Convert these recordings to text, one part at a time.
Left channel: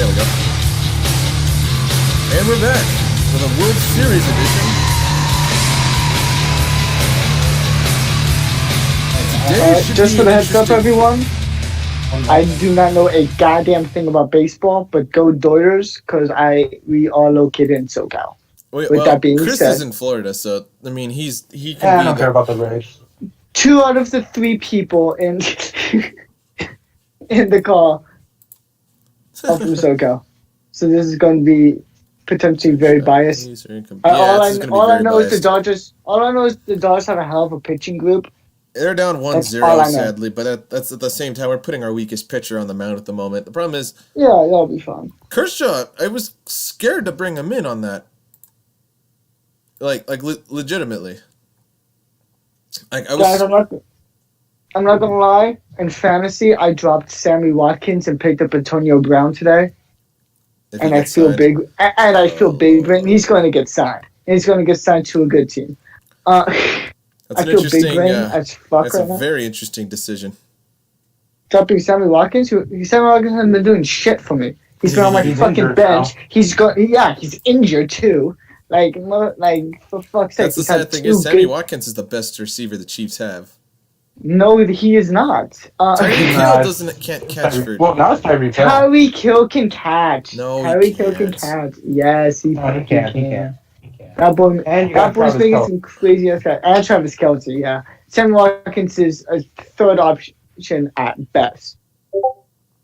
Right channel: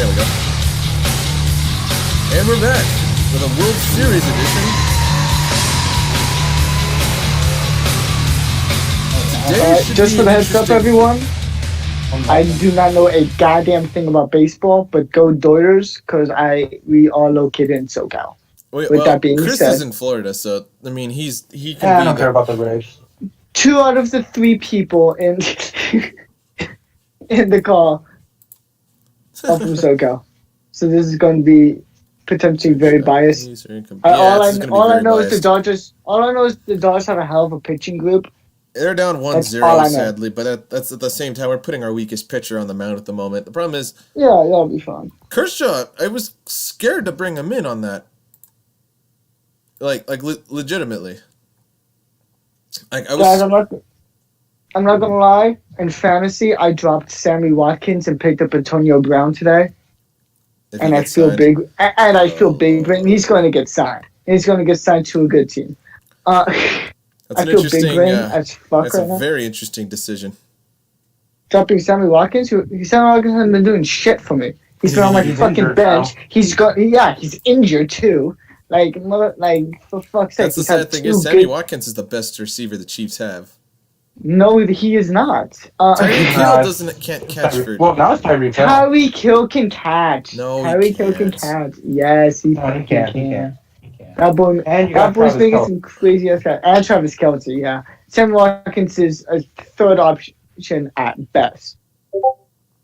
There we go. And we're back with a World Series edition. Today should just be for the an heads up, everyone, I do not know a goddamn thing about baseball, but go Dodgers, because we are located in SoCal. With With that being Chris said, is in Florida, so I mean he I can don't be care the about the Rays. 2 out of the 3 people in in the call are from SoCal. So this is going to be potentially very biased. this is going to be All I very know is biased. the Dodgers. All I know is the Dodgers have a hell of a pitching group. They're down 1-0, That's all I know. sadly, but that's at the same time we're putting our weakest pitcher on the mound at the moment. The problem is, Yeah, that'll be fun. Kershaw, I was scared to bring him in on that. Legitimately. Like I was. Guys, I'm not gonna lie. In fantasy, I dropped Sammy Watkins and picked up Antonio Brown today, if he and I gets feel signed. big. And I feel big. But he's going to get signed. He's going to get signed to a good team. That's I an feel interesting. big brain as fuck That's right a now. very interesting decision. Dropping Sammy Watkins. Sammy Watkins hasn't been doing shit for me. He's been on my He's fucking injured bench. now. He's injured too. Like for fuck's sake. That's the he's had sad thing 2 is Sammy big- Watkins is the best receiver the Chiefs have. No, he is not. Tyreek Nah, Hill can't catch for. Well, now it's Tyreek Hill. Tyreek Hill can catch. No, he Tyreek Hill can can't. catch. Yes, he No, he fucking can't. He can. can't. He can't. That boy, And you that got boy's Travis making Kelce. some crazy ass guy. And Travis Kelce, yeah. Sammy Watkins is a 3rd option at best.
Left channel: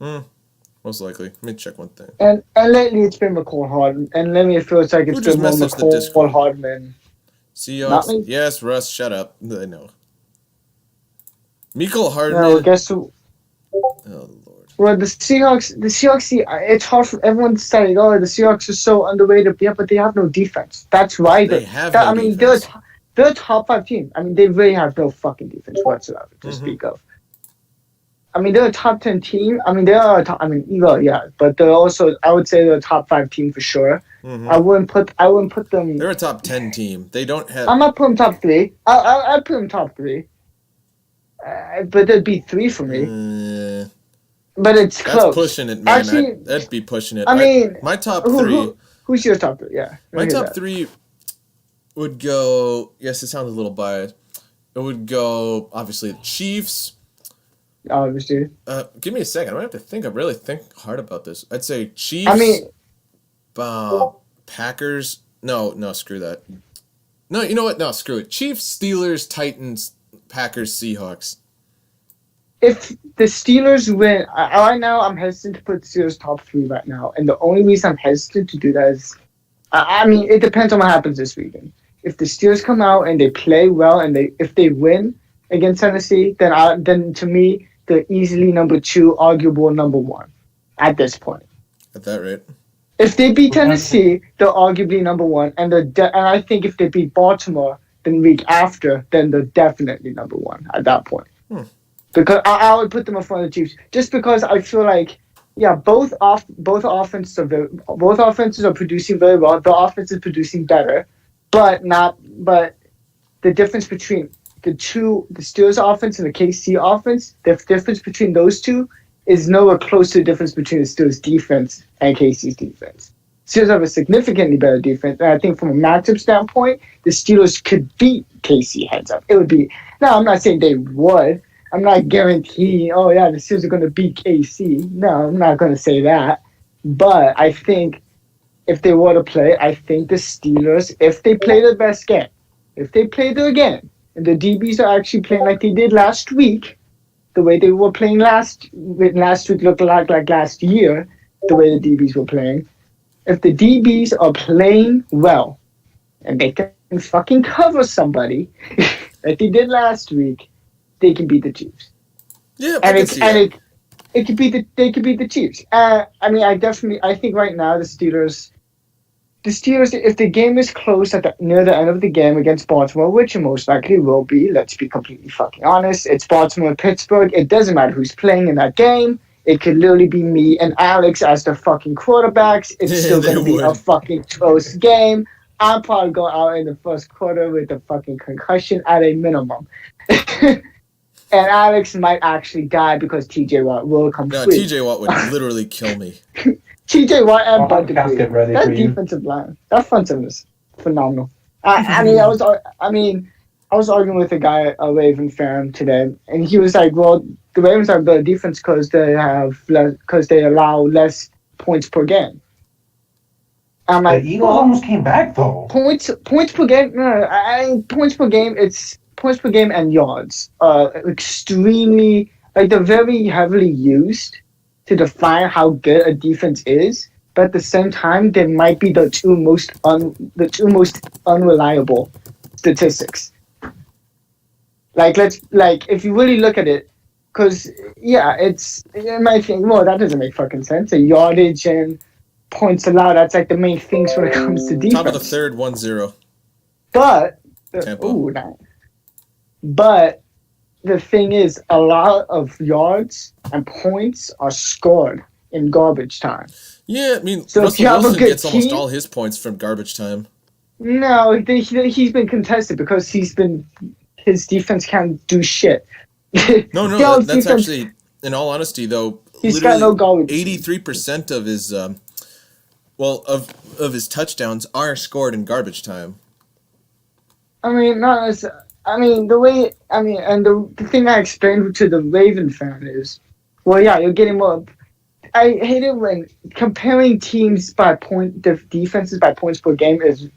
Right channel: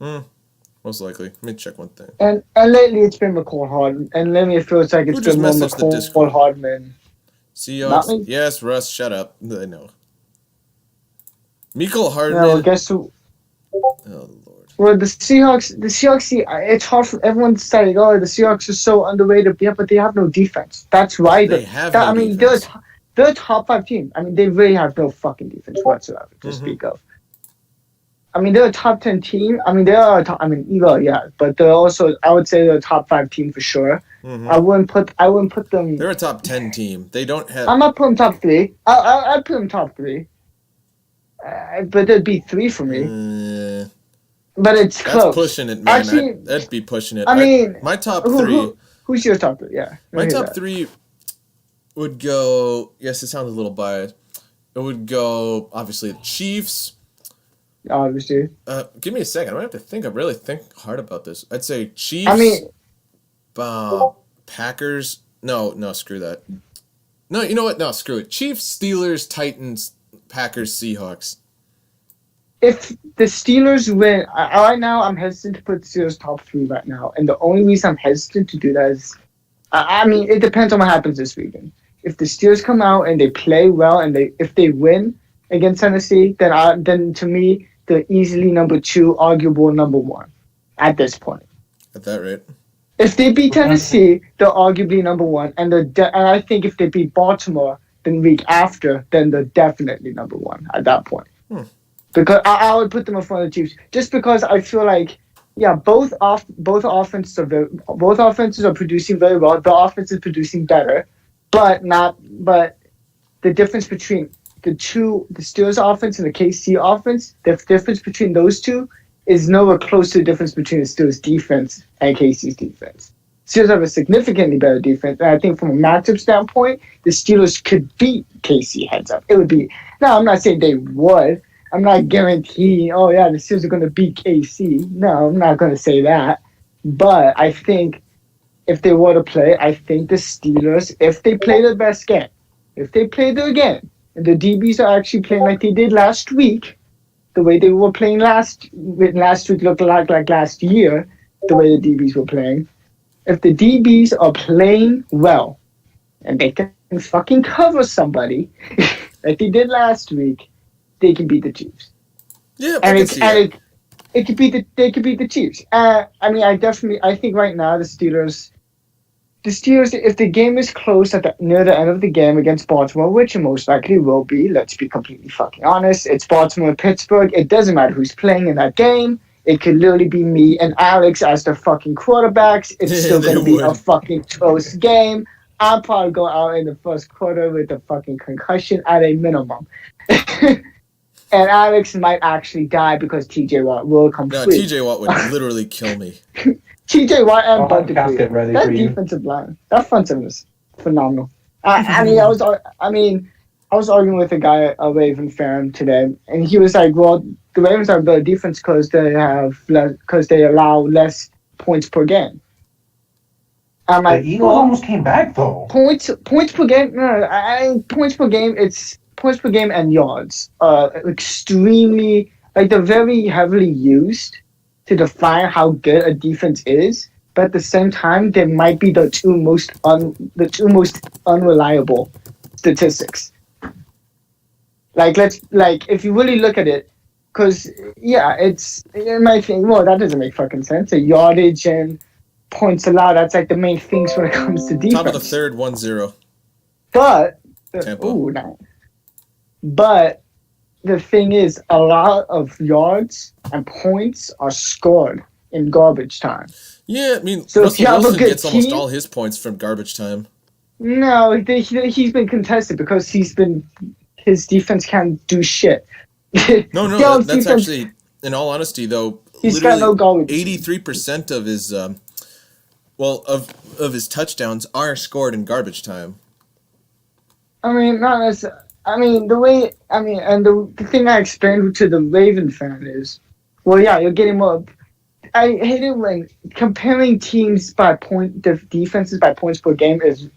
Most likely. Let me check one thing. And lately it's been McCall Hardman. And lately it feels like it's Who just been more messaged the Discord? McCall Hardman. Not me. Seahawks. Yes, Russ, shut up. I know. Mecole No, Hardman. guess who? Oh, Lord. Well, the Seahawks, see, it's hard for everyone to say, oh, the Seahawks are so underrated. Yeah, but they have no defense. That's why They have I no mean, defense. they're a top 5 team. I mean, they really have no fucking defense whatsoever to speak of. I mean, they're a top 10 team. I mean, they are a top. I mean, yeah, but they're also. I would say they're a top 5 team for sure. I wouldn't put them. They're a top 10 team. They don't have. I'm not putting top 3. I'd put them top 3. But there'd be 3 for me. But it's That's close. pushing it, man. Actually, That'd be pushing it. I mean, my top 3. Who's your top 3? Yeah. My top 3 would go. Yes, it sounds a little biased. It would go obviously the Chiefs. Obviously. Give me a second. I might have to think. I really think hard about this. I'd say Chiefs. I mean, Packers. No, screw that. No, you know what? No, screw it. Chiefs, Steelers, Titans, Packers, Seahawks. if the Steelers win, right now I'm hesitant to put the Steelers top 3 right now, and the only reason I'm hesitant to do that is, I mean, it depends on what happens this weekend. If the Steelers come out and they play well, and if they win against Tennessee, then to me they're easily number 2, arguable number 1, at this point. At that rate. If they beat Tennessee, they're arguably number 1, and and I think if they beat Baltimore the week after, then they're definitely number 1 at that point. Because I would put them in front of the Chiefs, just because I feel like, yeah, both offenses are producing very well. The offense is producing better, but the difference between the Steelers offense and the KC offense, the difference between those two is nowhere close to the difference between the Steelers defense and KC's defense. Steelers have a significantly better defense, and I think from a matchup standpoint, the Steelers could beat KC heads up. It would be, now I'm not saying they would. I'm not guaranteeing, oh yeah, the Steelers are going to beat KC. No, I'm not going to say that. But I think if they were to play, I think the Steelers, if they play their best game, if they play their game, and the DBs are actually playing like they did last week, the way they were playing last week looked like last year, the way the DBs were playing. If the DBs are playing well, and they can fucking cover somebody like they did last week, they can beat the Chiefs. Yeah, And I can see that. they could beat the Chiefs. I mean, I think right now the Steelers, if the game is close near the end of the game against Baltimore, which it most likely will be, let's be completely fucking honest, it's Baltimore and Pittsburgh. It doesn't matter who's playing in that game. It could literally be me and Alex as the fucking quarterbacks. It's still going to be a fucking close game. I'll probably go out in the first quarter with a fucking concussion at a minimum. And Alex might actually die because TJ Watt will come No, free. TJ Watt would literally kill me. TJ Watt and Bud Dupree. Casket ready That for you. defensive line, that front seven is phenomenal. I was arguing with a guy, a Raven fan today, and he was like, "Well, the Ravens are better defense because they allow less points per game." I'm The like, Eagles almost came back though. points per game. No, points per game. It's points per game and yards. Extremely they're very heavily used to define how good a defense is. But at the same time, they might be the two most unreliable statistics. If you really look at it, because it might think, well, that doesn't make fucking sense. The yardage and points allowed, that's like the main things when it comes to defense. Top of the third, 1-0. But Tampa. But the thing is, a lot of yards and points are scored in garbage time. Yeah, I mean, So Russell Wilson gets team, almost all his points from garbage time. No, he's been contested because his defense can't do shit. No, that's actually, in all honesty, though, he's got no literally garbage. 83% of his of his touchdowns are scored in garbage time. I mean, not necessarily. I mean, the thing I explained to the Raven fan is, well, yeah, you're getting more. I hate it when comparing teams by the defenses by points per game is.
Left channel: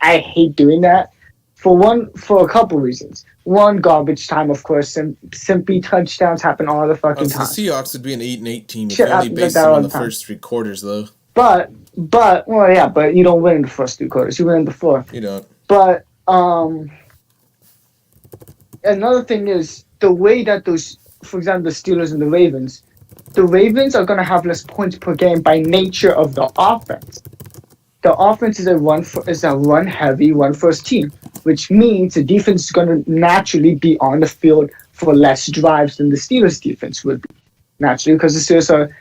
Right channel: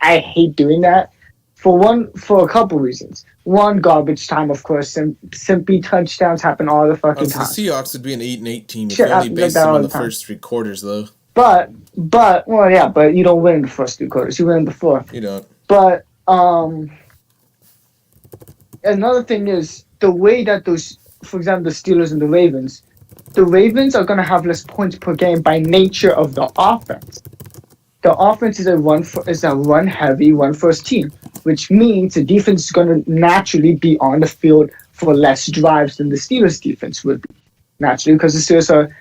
I hate doing that for a couple reasons. One, garbage time, of course. Simply touchdowns happen all the fucking time. The Seahawks would be an 8-8 team if you only based them on the first 3 quarters, though. But you don't win in the first 3 quarters. You win in the fourth. You don't. But another thing is the way that those, for example, the Steelers and the Ravens are going to have less points per game by nature of the offense. The offense is a run heavy, run first team, which means the defense is going to naturally be on the field for less drives than the Steelers defense would be. Naturally, because the Steelers are,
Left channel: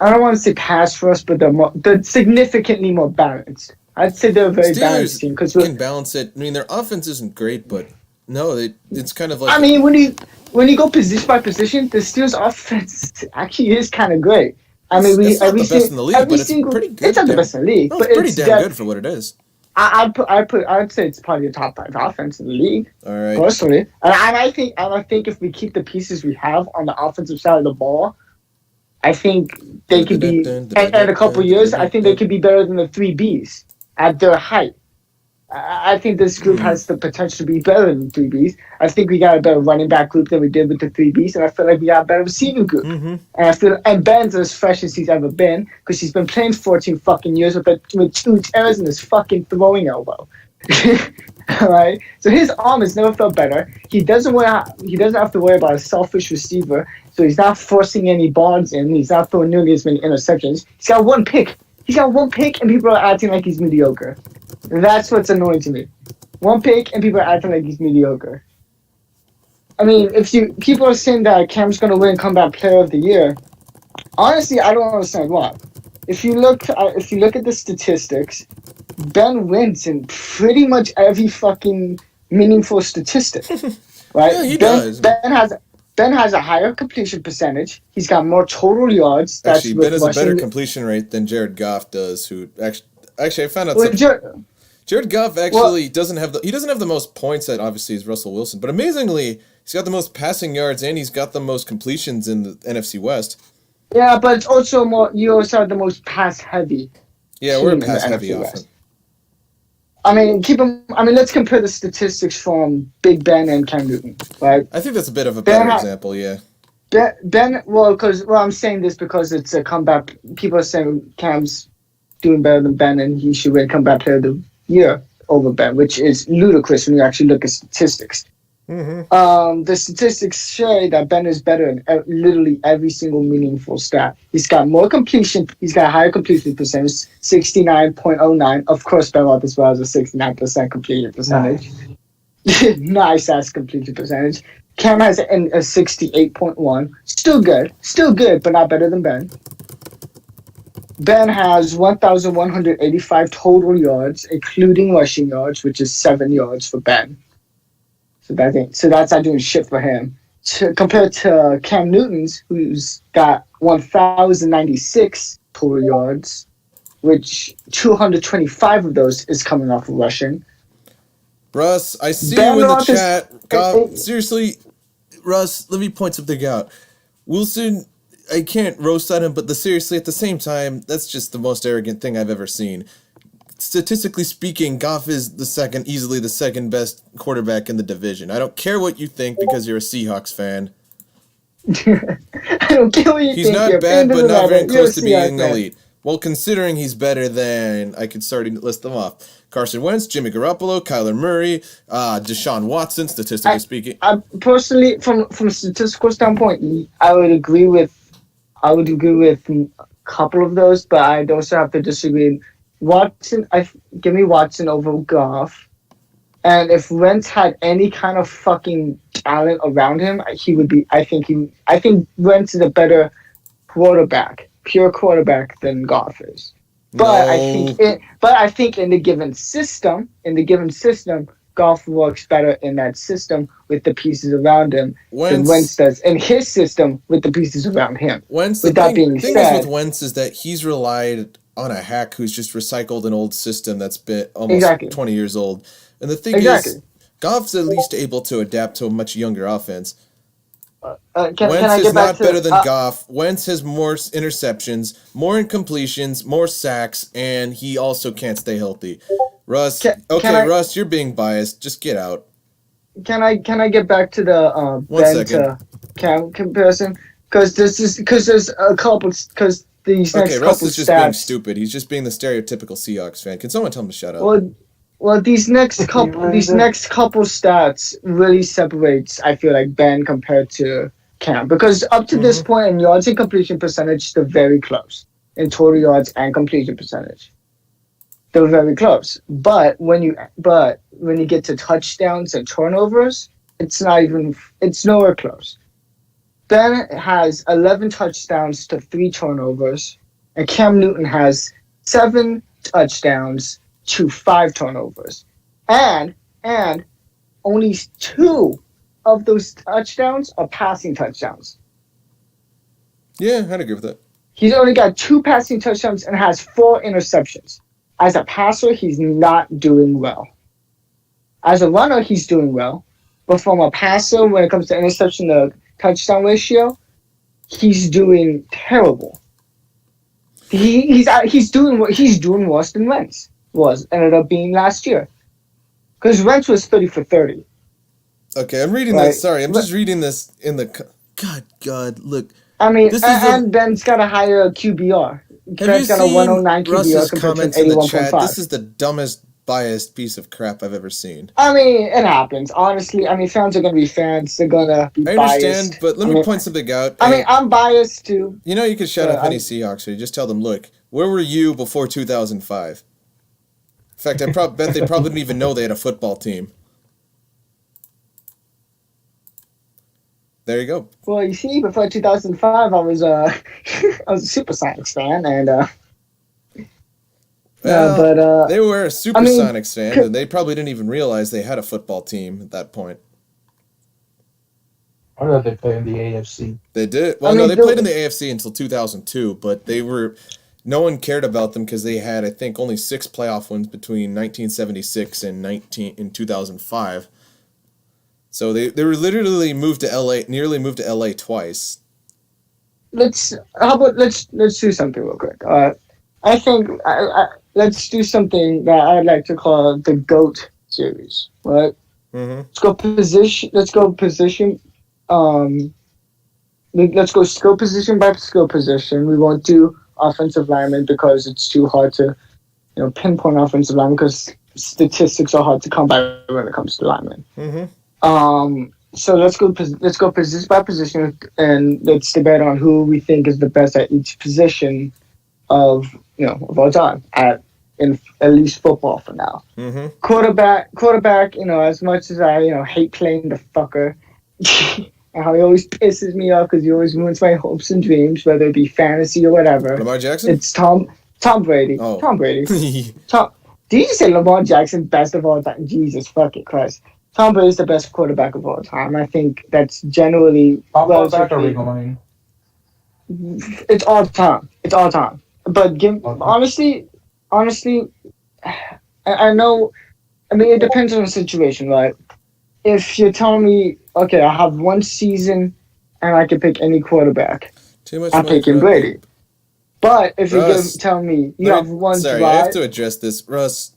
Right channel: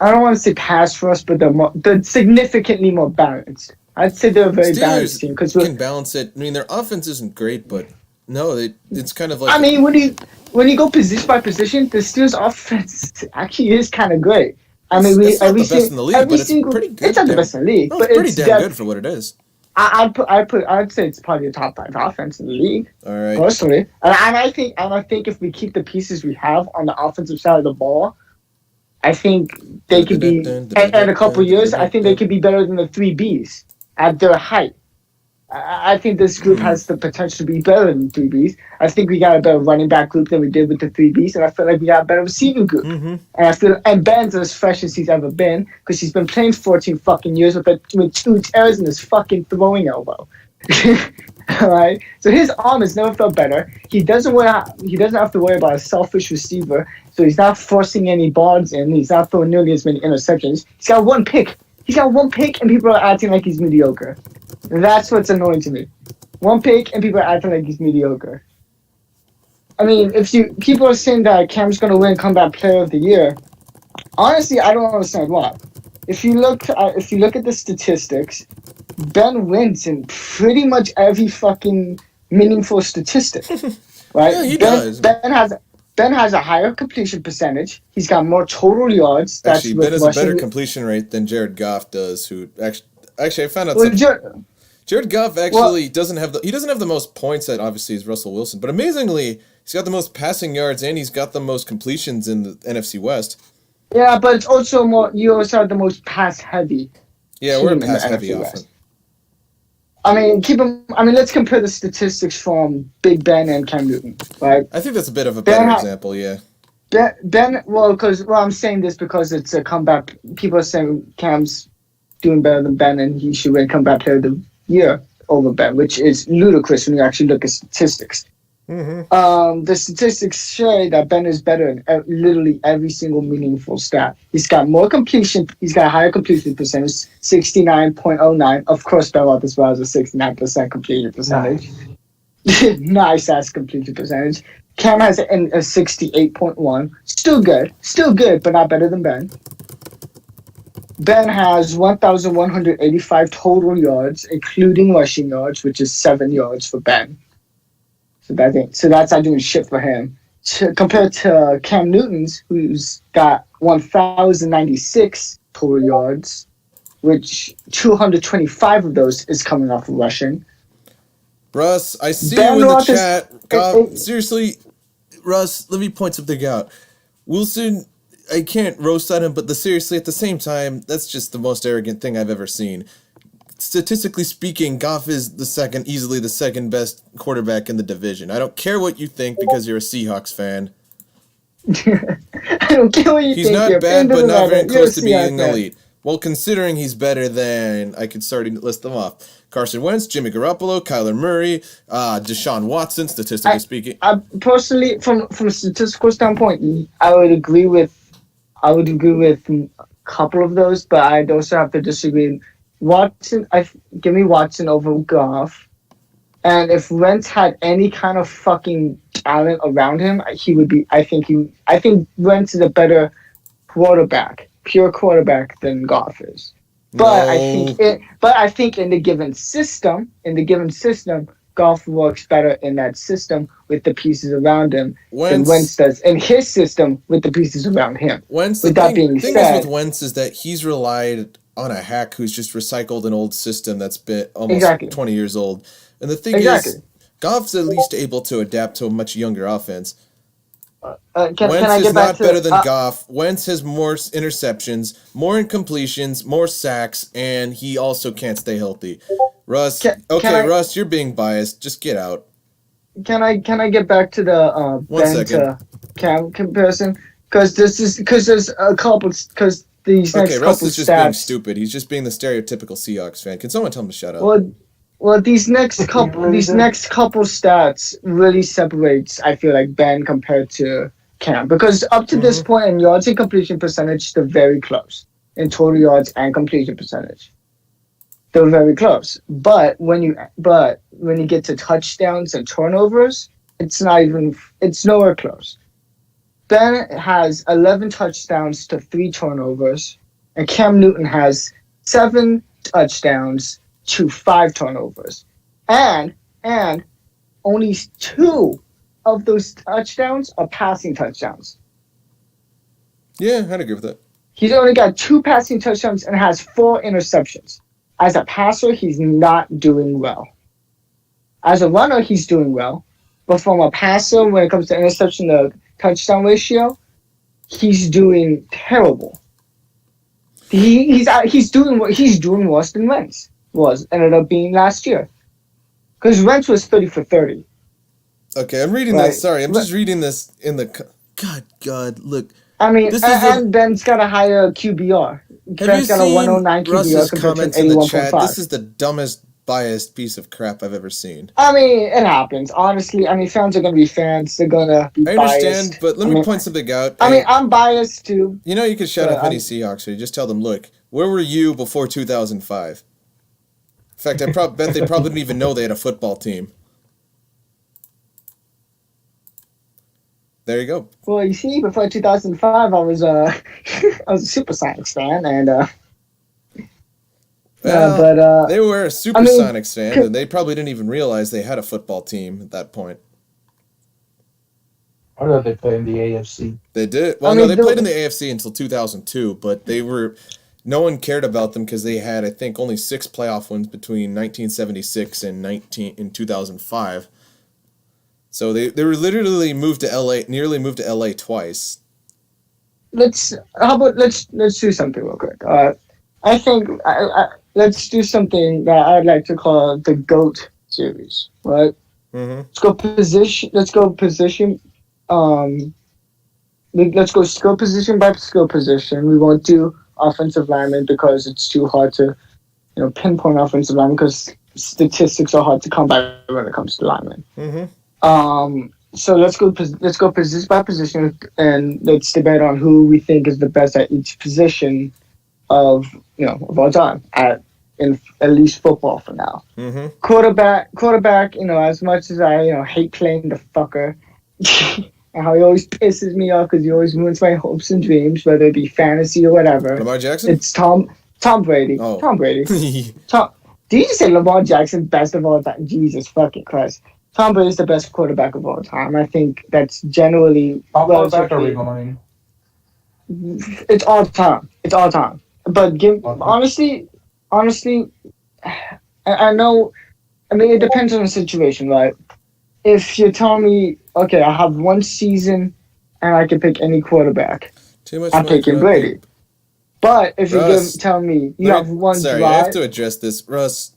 I don't want to say pass first, but they're significantly more balanced. I'd say they're a very balanced team. Steelers can balance it. I mean, their offense isn't great, but no, it's kind of like... I mean, when you go position by position, the Steelers offense actually is kind of great. I mean, it's not the best in the league, but it's pretty good. It's not the best in the league, no, but it's pretty damn good for what it is. I'd say it's probably a top 5 offense in the league. All right. Personally, and I think if we keep the pieces we have on the offensive side of the ball, I think they could be. And in a couple of years, I think they could be better than the 3Bs at their height. I think this group has the potential to be better than 3Bs. I think we got a better running back group than we did with the 3Bs, and I feel like we got a better receiving group. Mm-hmm. And Ben's as fresh as he's ever been because he's been playing 14 fucking years with 2 tears in his fucking throwing elbow. Right? So his arm has never felt better. He doesn't have to worry about a selfish receiver, so he's not forcing any balls in. He's not throwing nearly as many interceptions. He's got 1 pick. And people are acting like he's mediocre. That's what's annoying to me. 1 pick, and people are acting like he's mediocre. I mean, people are saying that Cam's going to win Comeback Player of the Year. Honestly, I don't understand why. If you look at the statistics, Ben wins in pretty much every fucking meaningful statistic, right? Yeah, he does. Ben has a higher completion percentage. He's got more total yards. Actually, Ben has a better completion rate than Jared Goff does. Who actually I found out something. Jared Goff actually doesn't have the most points that obviously is Russell Wilson, but amazingly he's got the most passing yards and he's got the most completions in the NFC West. Yeah, but it's also you also have the most pass heavy. Yeah, we're a pass heavy offense. I mean, let's compare the statistics from Big Ben and Cam Newton, right? I think that's a bit of a better example, yeah. I'm saying this because it's a comeback. People are saying Cam's doing better than Ben and he should win Comeback Player of the Year over Ben, which is ludicrous when you actually look at statistics. Mm-hmm. The statistics show that Ben is better in literally every single meaningful stat. He's got more completion. He's got a higher completion percentage, 69.09. Of course, Ben Roethlisberger has a 69% completion percentage. Nice ass completion percentage. Cam has a 68.1. Still good, but not better than Ben. Ben has 1,185 total yards, including rushing yards, which is 7 yards for Ben. So that's not doing shit for him. Compared to Cam Newton's, who's got 1,096 total yards, which 225 of those is coming off of rushing. Russ, I see you in the chat. God, seriously, Russ, let me point something out. Wilson, I can't roast on him, but seriously, at the same time, that's just the most arrogant thing I've ever seen. Statistically speaking, Goff is easily the second best quarterback in the division. I don't care what you think because you're a Seahawks fan. I don't care what you think. He's not bad, but not very close to being elite. Well, considering he's better than, I could start to list them off. Carson Wentz, Jimmy Garoppolo, Kyler Murray, Deshaun Watson, statistically speaking. I personally, from a statistical standpoint, I would agree with a couple of those, but I'd also have to disagree. Give me Watson over Goff. And if Wentz had any kind of fucking talent around him, he would be. I think Wentz is a better pure quarterback than Goff is. But I think in the given system, Goff works better in that system with the pieces around him than Wentz does in his system with the pieces around him. The thing is with Wentz is that he's relied on a hack who's just recycled an old system that's been almost 20 years old. And the thing is, Goff's at least able to adapt to a much younger offense. Wentz is not better than Goff. Wentz has more interceptions, more incompletions, more sacks, and he also can't stay healthy. Russ, Russ, you're being biased. Just get out. Can I get back to the Ben to Cam comparison? Because there's a couple. Because these next couple Russ is just stats, being stupid. He's just being the stereotypical Seahawks fan. Can someone tell him to shut up? Well, these next couple stats really separates, I feel like, Ben compared to Cam, because up to this point in yards and completion percentage, they're very close in total yards and completion percentage. They're very close, but when you get to touchdowns and turnovers, it's nowhere close. Ben has 11 touchdowns to 3 turnovers, and Cam Newton has 7 touchdowns to 5 turnovers, and only 2 of those touchdowns are passing touchdowns. Yeah, I'd agree with that. He's only got 2 passing touchdowns and has 4 interceptions. As a passer, he's not doing well. As a runner, he's doing well, but from a passer, when it comes to interception to touchdown ratio, he's doing terrible. He's doing worse than Wentz ended up being last year, because Wentz was 30 for 30. Okay, I'm reading this. Sorry, I'm just reading this in the. God, look. I mean, Ben's got a higher QBR. Have you seen Russ's comments in the chat? This is the dumbest, biased piece of crap I've ever seen. I mean, it happens. Honestly, fans are going to be fans. They're going to be biased. I understand, but let me point something out. I'm biased too. You know, you can shut up any Seahawks, or you just tell them, look, where were you before 2005? In fact, I bet they probably didn't even know they had a football team. There you go. Well, you see, before 2005, I was a Supersonics fan, and they were a Supersonics fan, and they probably didn't even realize they had a football team at that point. I thought they played in the AFC. They did. Well, they played in the AFC until 2002, but no one cared about them because they had, I think, only 6 playoff wins between 1976 and 2005. So they were literally nearly moved to LA twice. Let's do something real quick. I think let's do something that I'd like to call the GOAT series, right? Mm-hmm. Let's go position. Let's go skill position by skill position. We won't do offensive linemen because it's too hard to, pinpoint offensive linemen because statistics are hard to come by when it comes to linemen. Mm-hmm. So let's go position by position, and let's debate on who we think is the best at each position of all time in at least football for now. Mm-hmm. Quarterback. As much as I hate playing the fucker, and how he always pisses me off because he always ruins my hopes and dreams, whether it be fantasy or whatever. Lamar Jackson. It's Tom Brady. Oh. Tom Brady. Did you say Lamar Jackson best of all time? Jesus fucking Christ. Tom Brady is the best quarterback of all time. I think that's generally. How far back are we going? It's all time. But honestly, I know. I mean, it depends on the situation, right? If you're telling me, okay, I have one season and I can pick any quarterback, Too much I'm money for picking not Brady. big. But if Russ, you're telling me you have one sorry, drive, I have to address this. Russ,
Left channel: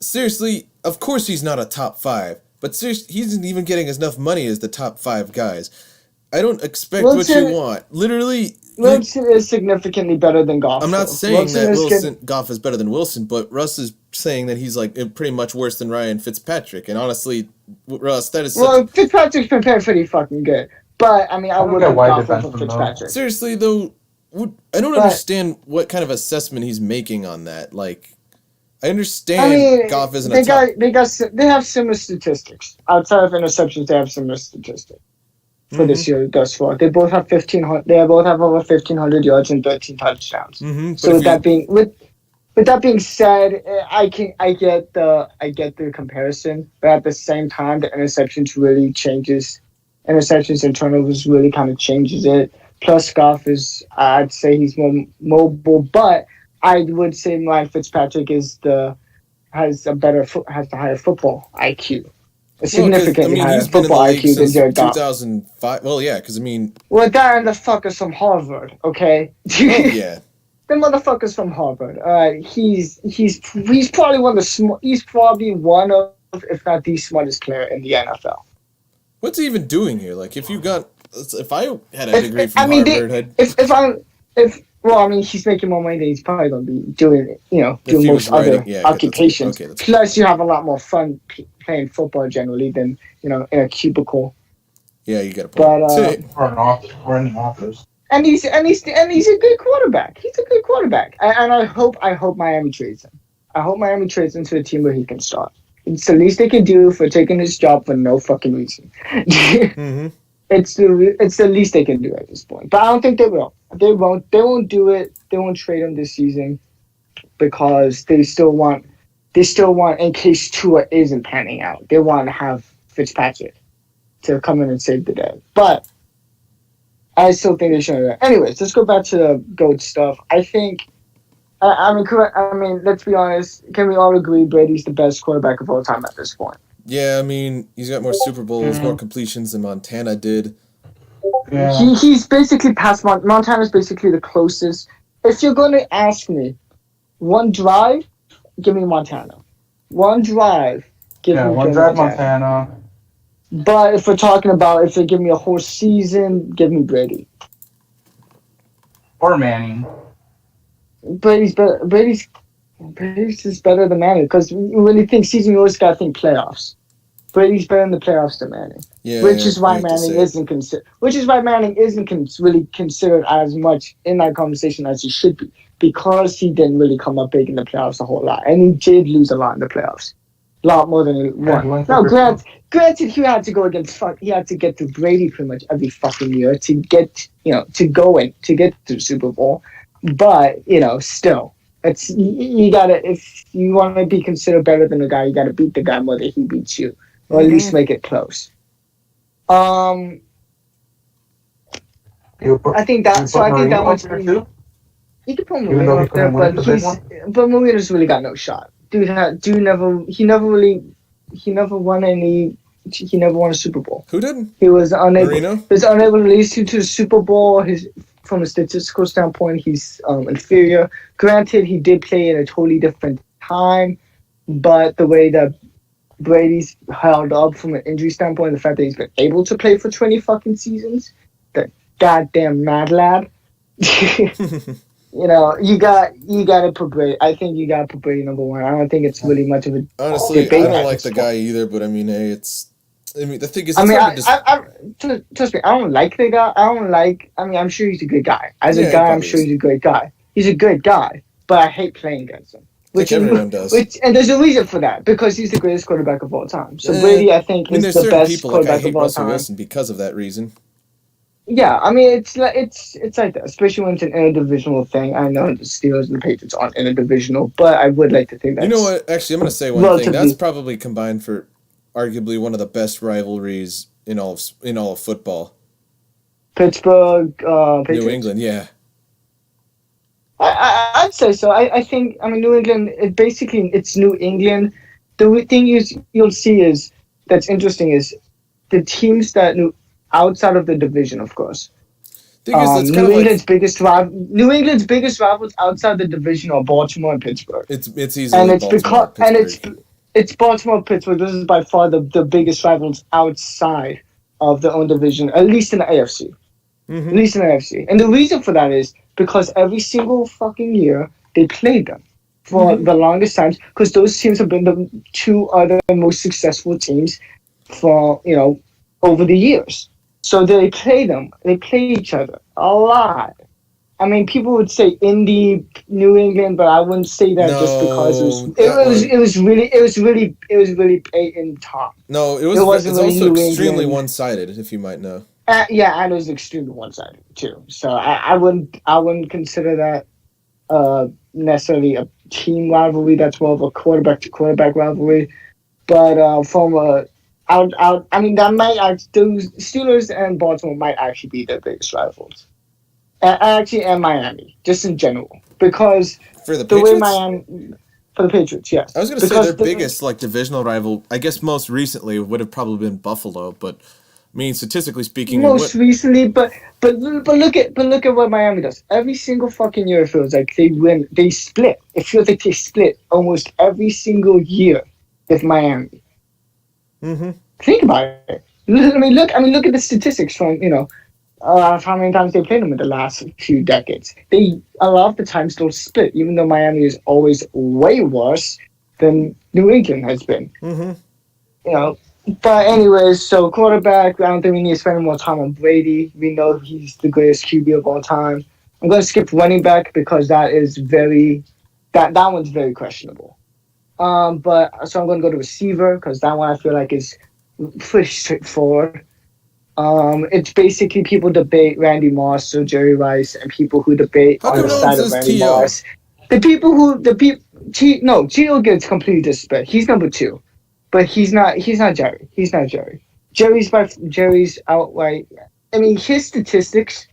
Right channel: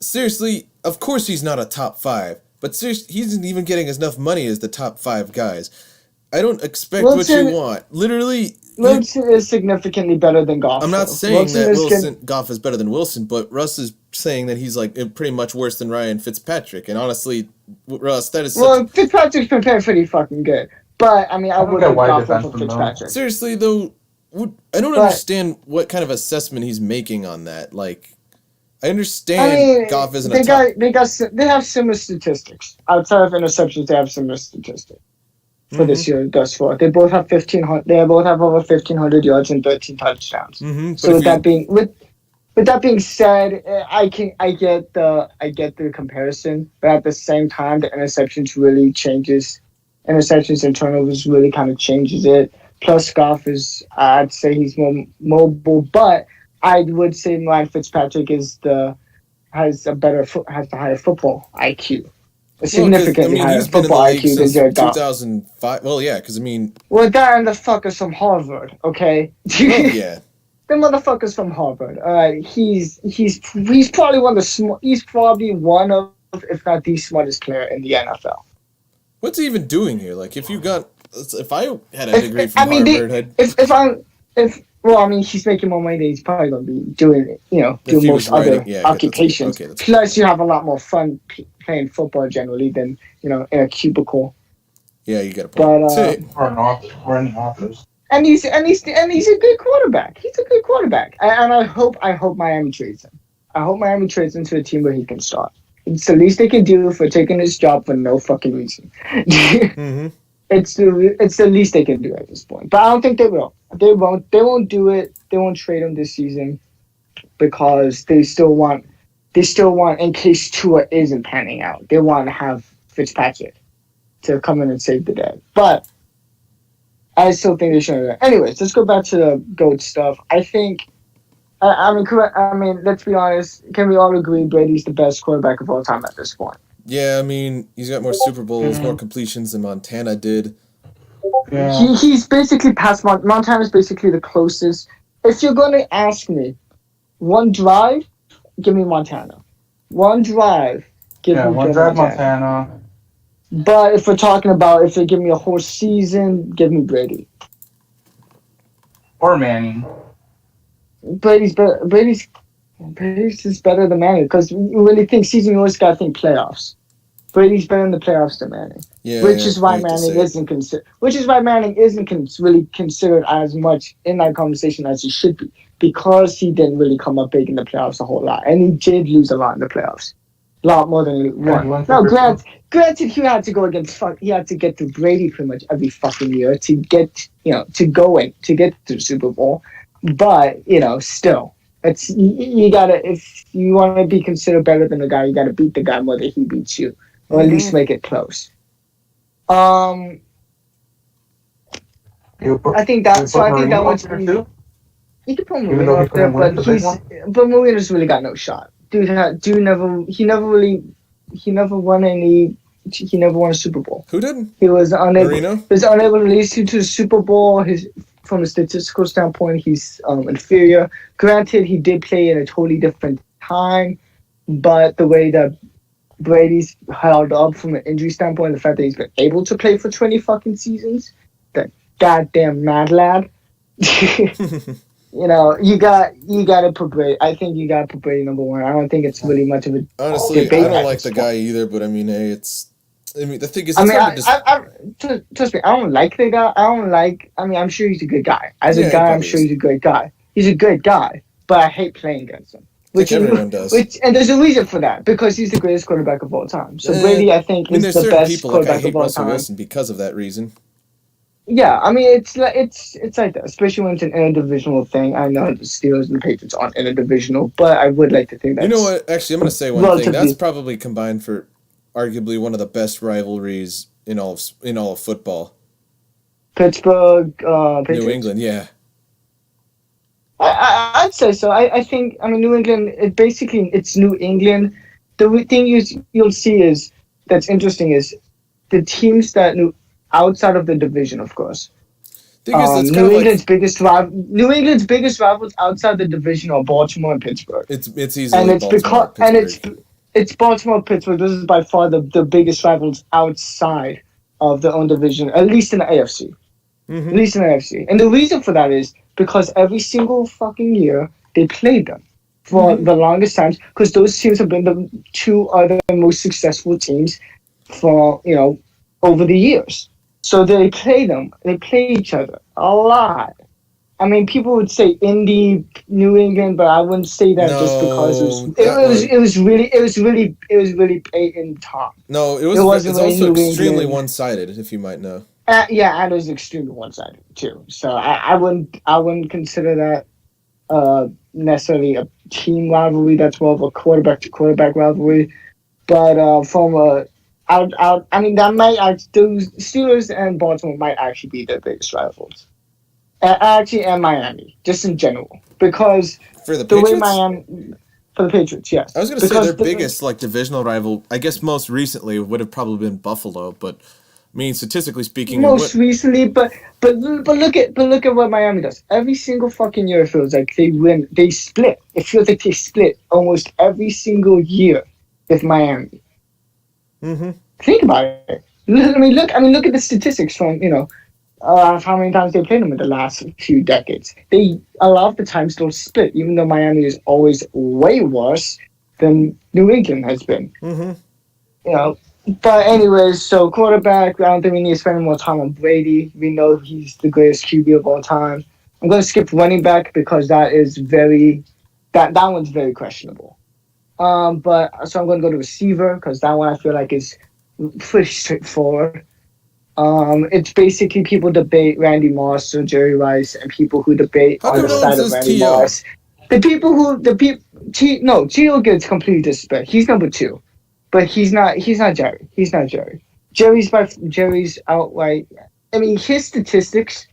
seriously, of course he's not a top 5, but seriously, he isn't even getting enough money as the top 5 guys. I don't expect what you want. Literally, Wilson is significantly better than Goff. I'm not saying that Goff is better than Wilson, but Russ is saying that he's like pretty much worse than Ryan Fitzpatrick. And honestly, Russ, that is Fitzpatrick's been pretty fucking good. But I mean, I would have Goff over Fitzpatrick. Seriously though, I don't understand what kind of assessment he's making on that. Like, I understand Goff isn't a top. They have similar statistics. Outside of interceptions, they have similar statistics for this year thus far. They both have 1,500. They both have over 1,500 yards and 13 touchdowns. Mm-hmm. So with that being said, I get the comparison, but at the same time, the interceptions really changes. Interceptions and turnovers really kind of changes it. Plus, Goff I'd say he's more mobile, but I would say Ryan Fitzpatrick has the higher football IQ. Significantly higher football IQ than Jared Goff. 2005. Well, yeah, because I mean. Well, that and the fuckers from Harvard, okay? Oh yeah. The motherfuckers from Harvard. He's probably one of, if not the smartest player in the NFL. What's he even doing here? Like, if I had a degree from Harvard, he's making more money than he's probably going to be doing, doing most other occupations. Okay, plus, you have a lot more fun playing football generally than, in a cubicle. Yeah, you got a point. Or in the office. And he's a good quarterback. He's a good quarterback. And I hope Miami trades him. I hope Miami trades him to a team where he can start. It's the least they can do for taking his job for no fucking reason. Mm-hmm. It's the least they can do at this point. But I don't think they will. They won't do it. They won't trade him this season because they still want, in case Tua isn't panning out, they want to have Fitzpatrick to come in and save the day. But I still think they should. Anyways, let's go back to the GOAT stuff. I think, let's be honest. Can we all agree Brady's the best quarterback of all time at this point? Yeah, I mean, he's got more Super Bowls, more completions than Montana did. Yeah. He's basically past Montana's basically the closest. If you're going to ask me, one drive, give me Montana. One drive, give me Montana. But if we're talking about if they give me a whole season, give me Brady. Or Manning. Brady's better. Brady's just better than Manning because when you think season, you always got to think playoffs. Brady's better in the playoffs than Manning. Which is why Manning isn't considered. Which is why Manning isn't really considered as much in that conversation as he should be because he didn't really come up big in the playoffs a whole lot, and he did lose a lot in the playoffs, a lot more than he won. No, granted, he had to go against. He had to get to Brady pretty much every fucking year to get to get to the Super Bowl. But still, it's you gotta if you want to be considered better than the guy, you gotta beat the guy more than he beats you, or at least make it close. I think that one's pretty. You can put Mourinho up there, but Mourinho's really got no shot. He never won a Super Bowl. Who didn't? He was unable. Marino? He was unable to lead you to the Super Bowl. From a statistical standpoint, he's inferior. Granted, he did play in a totally different time, but the way that Brady's held up from an injury standpoint, the fact that he's been able to play for 20 fucking seasons, that goddamn mad lad. You got to put Brady. I think you got to put Brady number one. I don't think it's really much of a honestly. I don't like the guy either, but I mean, hey, the thing is, it's hard to trust me. I don't like the guy. I'm sure he's a good guy. As a guy, I'm sure he's a great guy. He's a good guy, but I hate playing against him. Which everyone does. And there's a reason for that because he's the greatest quarterback of all time. So Brady, I think, is the best quarterback of all time. I hate Russell Wilson because of that reason. Yeah, I mean it's like that, especially when it's an interdivisional thing. I know the Steelers and the Patriots aren't interdivisional, but I would like to think that. You know what? Actually, I'm going to say one thing. That's probably combined for arguably one of the best rivalries in all of football. Pittsburgh, Patriots. New England, yeah. I'd say so. I think, New England, it's New England. The thing you'll see is, that's interesting, is the teams that outside of the division, of course. Thing is, it's kind of New England's biggest rivals outside the division are Baltimore and Pittsburgh. It's easily Baltimore and Pittsburgh. It's Baltimore, Pittsburgh. This is by far the biggest rivals outside of their own division, at least in the AFC. Mm-hmm. At least in the AFC. And the reason for that is because every single fucking year they played them for the longest times, because those teams have been the two other most successful teams for, over the years. So they play them. They play each other a lot. People would say Indy, New England, but I wouldn't say that just because it was really Peyton Tom. No, it's also extremely one-sided, if you might know. And it was extremely one-sided too. So I wouldn't consider that necessarily a team rivalry. That's more of a quarterback to quarterback rivalry. But from a that might those Steelers and Baltimore might actually be their biggest rivals. And Miami, just in general, because for the Patriots? For the Patriots, yes. I was going to say their biggest divisional rival, I guess most recently would have probably been Buffalo, but statistically speaking, recently, but look at what Miami does. Every single fucking year, it feels like they win. They split. It feels like they split almost every single year with Miami. Mm-hmm. Think about it. Look at the statistics from how many times they played them in the last few decades. They a lot of the times don't split, even though Miami is always way worse than New England has been. Mm-hmm. But anyways, so quarterback, I don't think we need to spend more time on Brady. We know he's the greatest QB of all time. I'm going to skip running back because that one's very questionable. But so I'm going to go to receiver because that one I feel like is pretty straightforward. It's basically people debate Randy Moss or Jerry Rice, and people who debate on the side of Randy Moss. T.O. gets completely disrespect. He's number 2, but he's not Jerry. He's not Jerry. Jerry's outright. His statistics,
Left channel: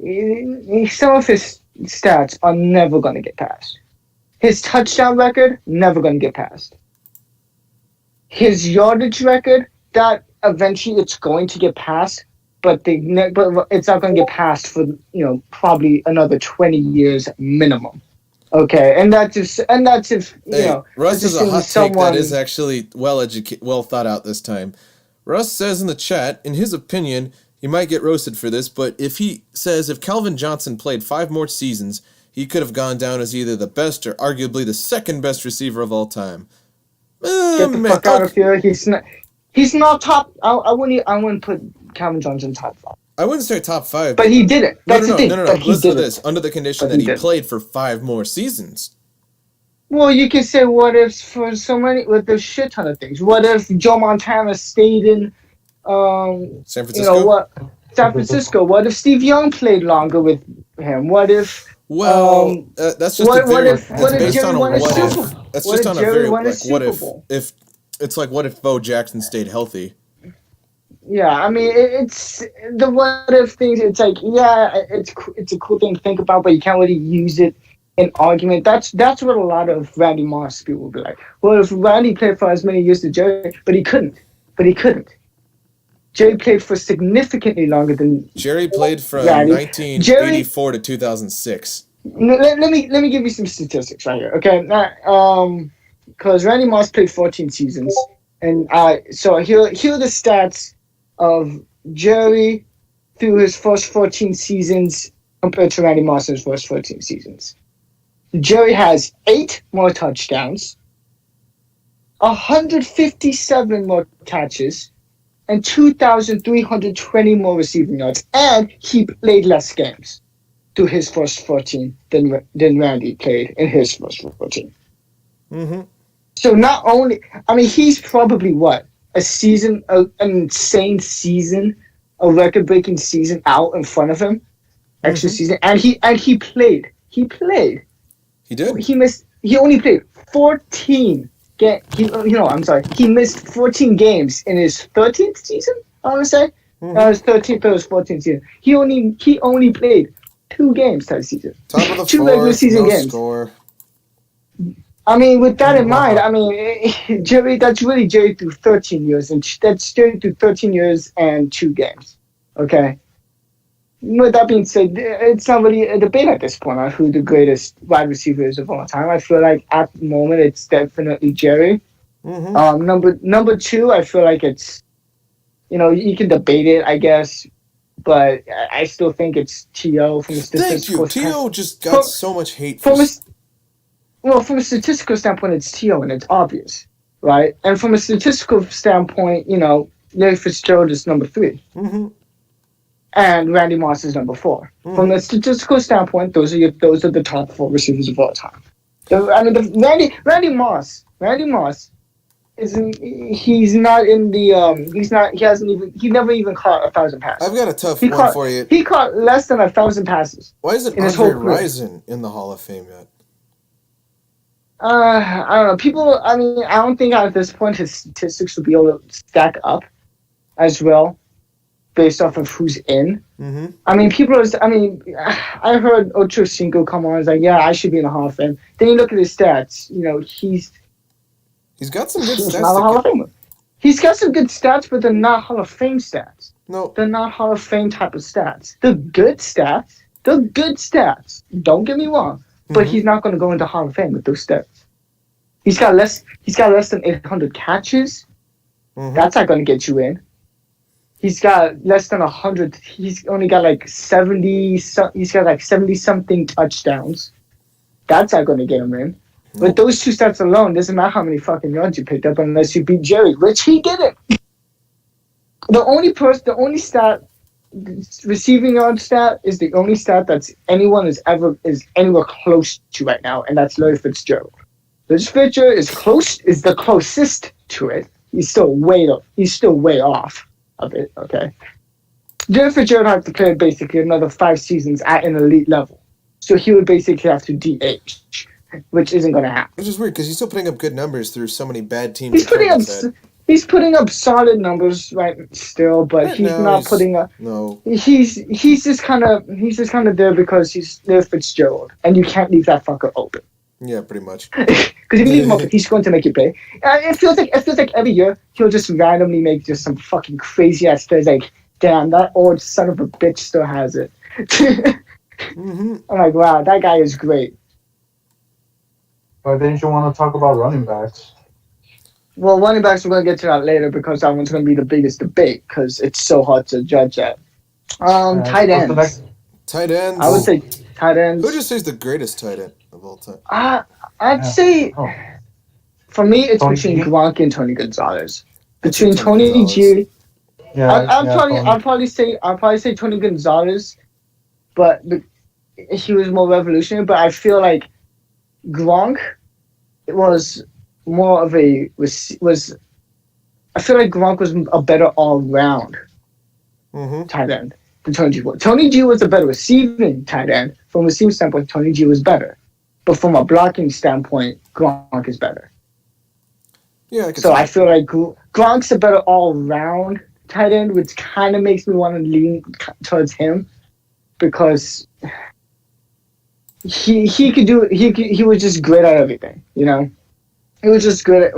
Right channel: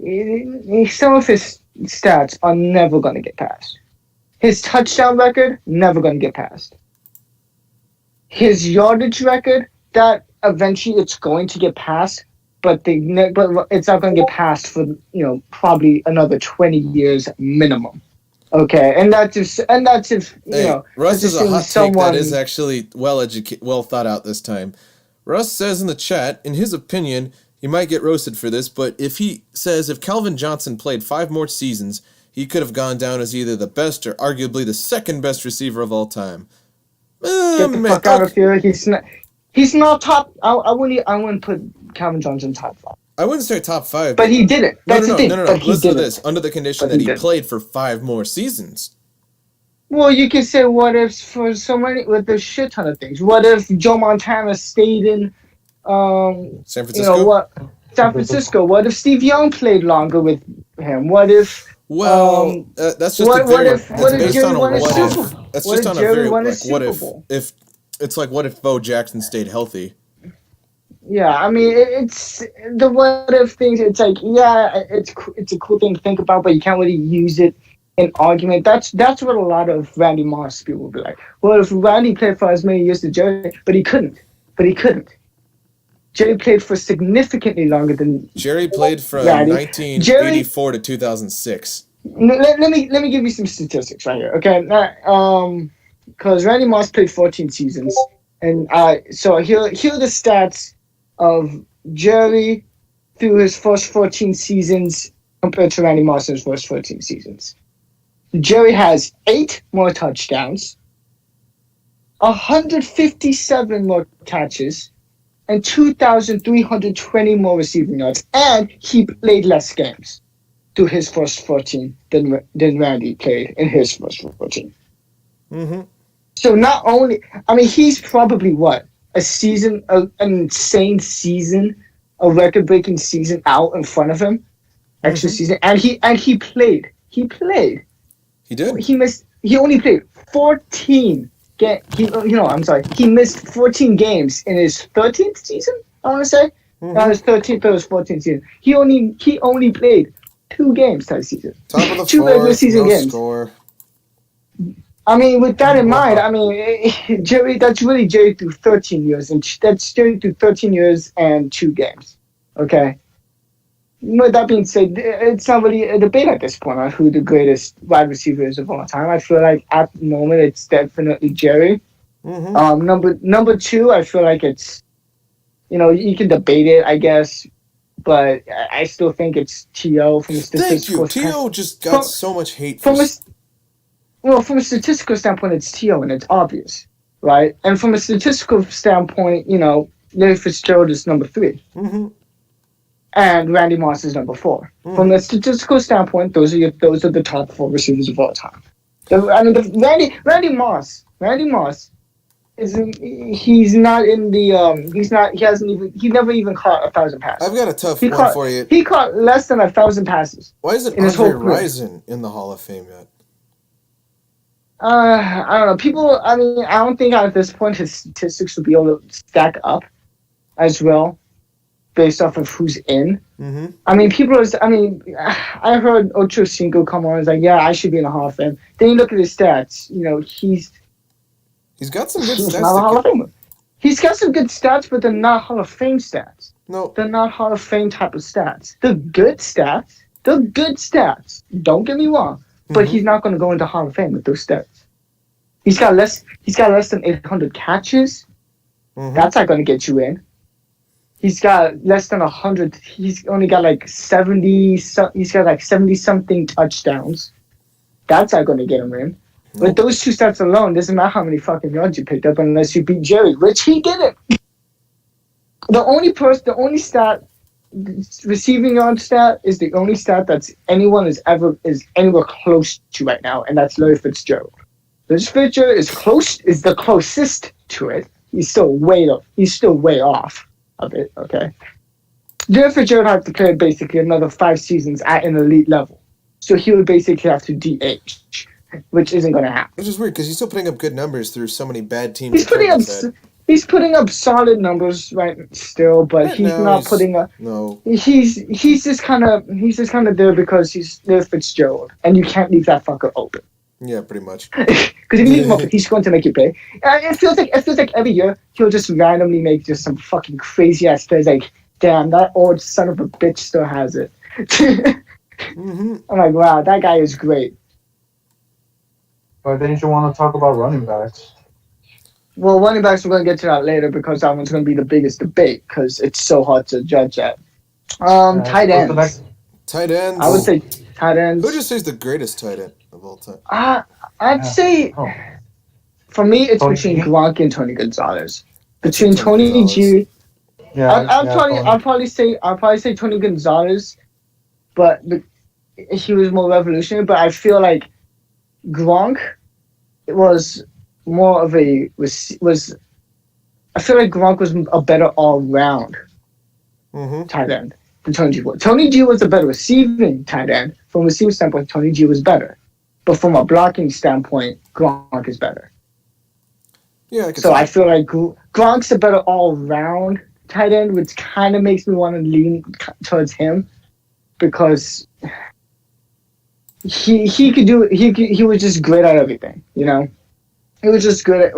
some of his stats are never going to get passed. His touchdown record, never going to get passed. His yardage record, that eventually it's going to get passed, but it's not going to get passed for probably another 20 years minimum. Okay, and that's if Russ is a hot take that is actually well thought out this time. Russ says in the chat, in his opinion, he might get roasted for this, but if Calvin Johnson played 5 more seasons, he could have gone down as either the best or arguably the second best receiver of all time. Get the fuck out of here. He's not top. I wouldn't put Calvin Johnson top 5. I wouldn't say top 5. But he did it. No. Listen to this. Under the condition that he played for 5 more seasons. Well, you could say what if for so many, with a shit ton of things. What if Joe Montana stayed in San Francisco? San Francisco. What if Steve Young played longer with him? What if... that's just that's based on a what if. That's just on a very what if it's like what if Bo Jackson stayed healthy. Yeah, it's the what if things. It's like it's a cool thing to think about, but you can't really use it in argument. That's what a lot of Randy Moss people will be like. Well, if Randy played for as many years as Jerry, but he couldn't. Jerry played for significantly longer than Jerry played from 1984 to 2006. Let me give you some statistics right here, okay? Because Randy Moss played 14 seasons, and so here are the stats of Jerry through his first 14 seasons compared to Randy Moss's first 14 seasons. Jerry has 8 more touchdowns, 157 more catches, and 2,320 more receiving yards, and he played less games through his first 14 than Randy played in his first 14. Mm-hmm. So not only, he's probably an insane season, a record-breaking season out in front of him, extra season, and he played. He played. He did. He only played 14. He missed 14 games in his 13th season. I want to say that was 13th, but it was 14th season. He only played 2 games type season. Top of the 2 regular season no games. Score. I mean, with that in mind, I mean, Jerry, that's really Jerry through 13 years, and that's Jerry through 13 years and 2 games. Okay. With that being said, it's not really a debate at this point on who the greatest wide receiver is of all time. I feel like at the moment it's definitely Jerry. Mm-hmm. Number 2, I feel like it's, you can debate it, I guess, but I still think it's T.O. from a statistical Thank you. T.O. just got so much hate from a statistical standpoint, it's T.O. and it's obvious, right? And from a statistical standpoint, Larry Fitzgerald is number 3. Mm-hmm. And Randy Moss is number 4. Mm-hmm. From a statistical standpoint, those are the top 4 receivers of all time. Randy Moss he's not in the he never even caught 1,000 passes. I've got a tough one for you. He caught less than 1,000 passes. Why isn't Andre Rison in the Hall of Fame yet? I don't know. People, I mean, I don't think at this point his statistics will be able to stack up as well based off of who's in. Mm-hmm. I mean, I heard Ocho Cinco come on and was like, yeah, I should be in the Hall of Fame. Then you look at his stats. He's got some good stats. Not a Hall of Famer. He's got some good stats, but they're not Hall of Fame stats. No. They're not Hall of Fame type of stats. They're good stats. Don't get me wrong. But he's not going to go into Hall of Fame with those stats. He's got less than 800 catches. Mm-hmm. That's not going to get you in. He's got less than 100. He's only got like 70. He's got like 70-something touchdowns. That's not going to get him in. Nope. With those 2 stats alone, doesn't matter how many fucking yards you picked up unless you beat Jerry, which he didn't. The only stat, receiving yard stat, is the only stat that's anyone is anywhere close to right now, and that's Larry Fitzgerald. Larry Fitzgerald is the closest to it. He's still way off of it. Okay. Larry Fitzgerald has to play basically another 5 seasons at an elite level, so he would basically have to DH. Which isn't going to happen. Which is weird because he's still putting up good numbers through so many bad teams. He's putting up solid numbers right still, but putting up. No. He's just kind of there because he's Larry Fitzgerald, and you can't leave that fucker open. Yeah, pretty much. Because if you leave him open, he's going to make you pay. It feels like every year he'll just randomly make just some fucking crazy ass plays. Like, damn, that old son of a bitch still has it. Mm-hmm. I'm like, wow, that guy is great. But didn't you want to talk about running backs? Well, running backs, we're going to get to that later because that one's going to be the biggest debate because it's so hard to judge that. Tight ends. Tight ends. I would say tight ends. Who would you say is the greatest tight end of all time? I'd say, for me, it's between Gronk and Tony Gonzalez. Between Tony G. Yeah, I'll probably say Tony Gonzalez, but he was more revolutionary. But I feel like Gronk was more of I feel like Gronk was a better all-round tight end than Tony G was. Tony G was a better receiving tight end. From a receiving standpoint, Tony G was better. But from a blocking standpoint, Gronk is better. Yeah, I feel like Gronk's a better all-round tight end, which kind of makes me want to lean towards him because he could do. He was just great at everything. He was just good at.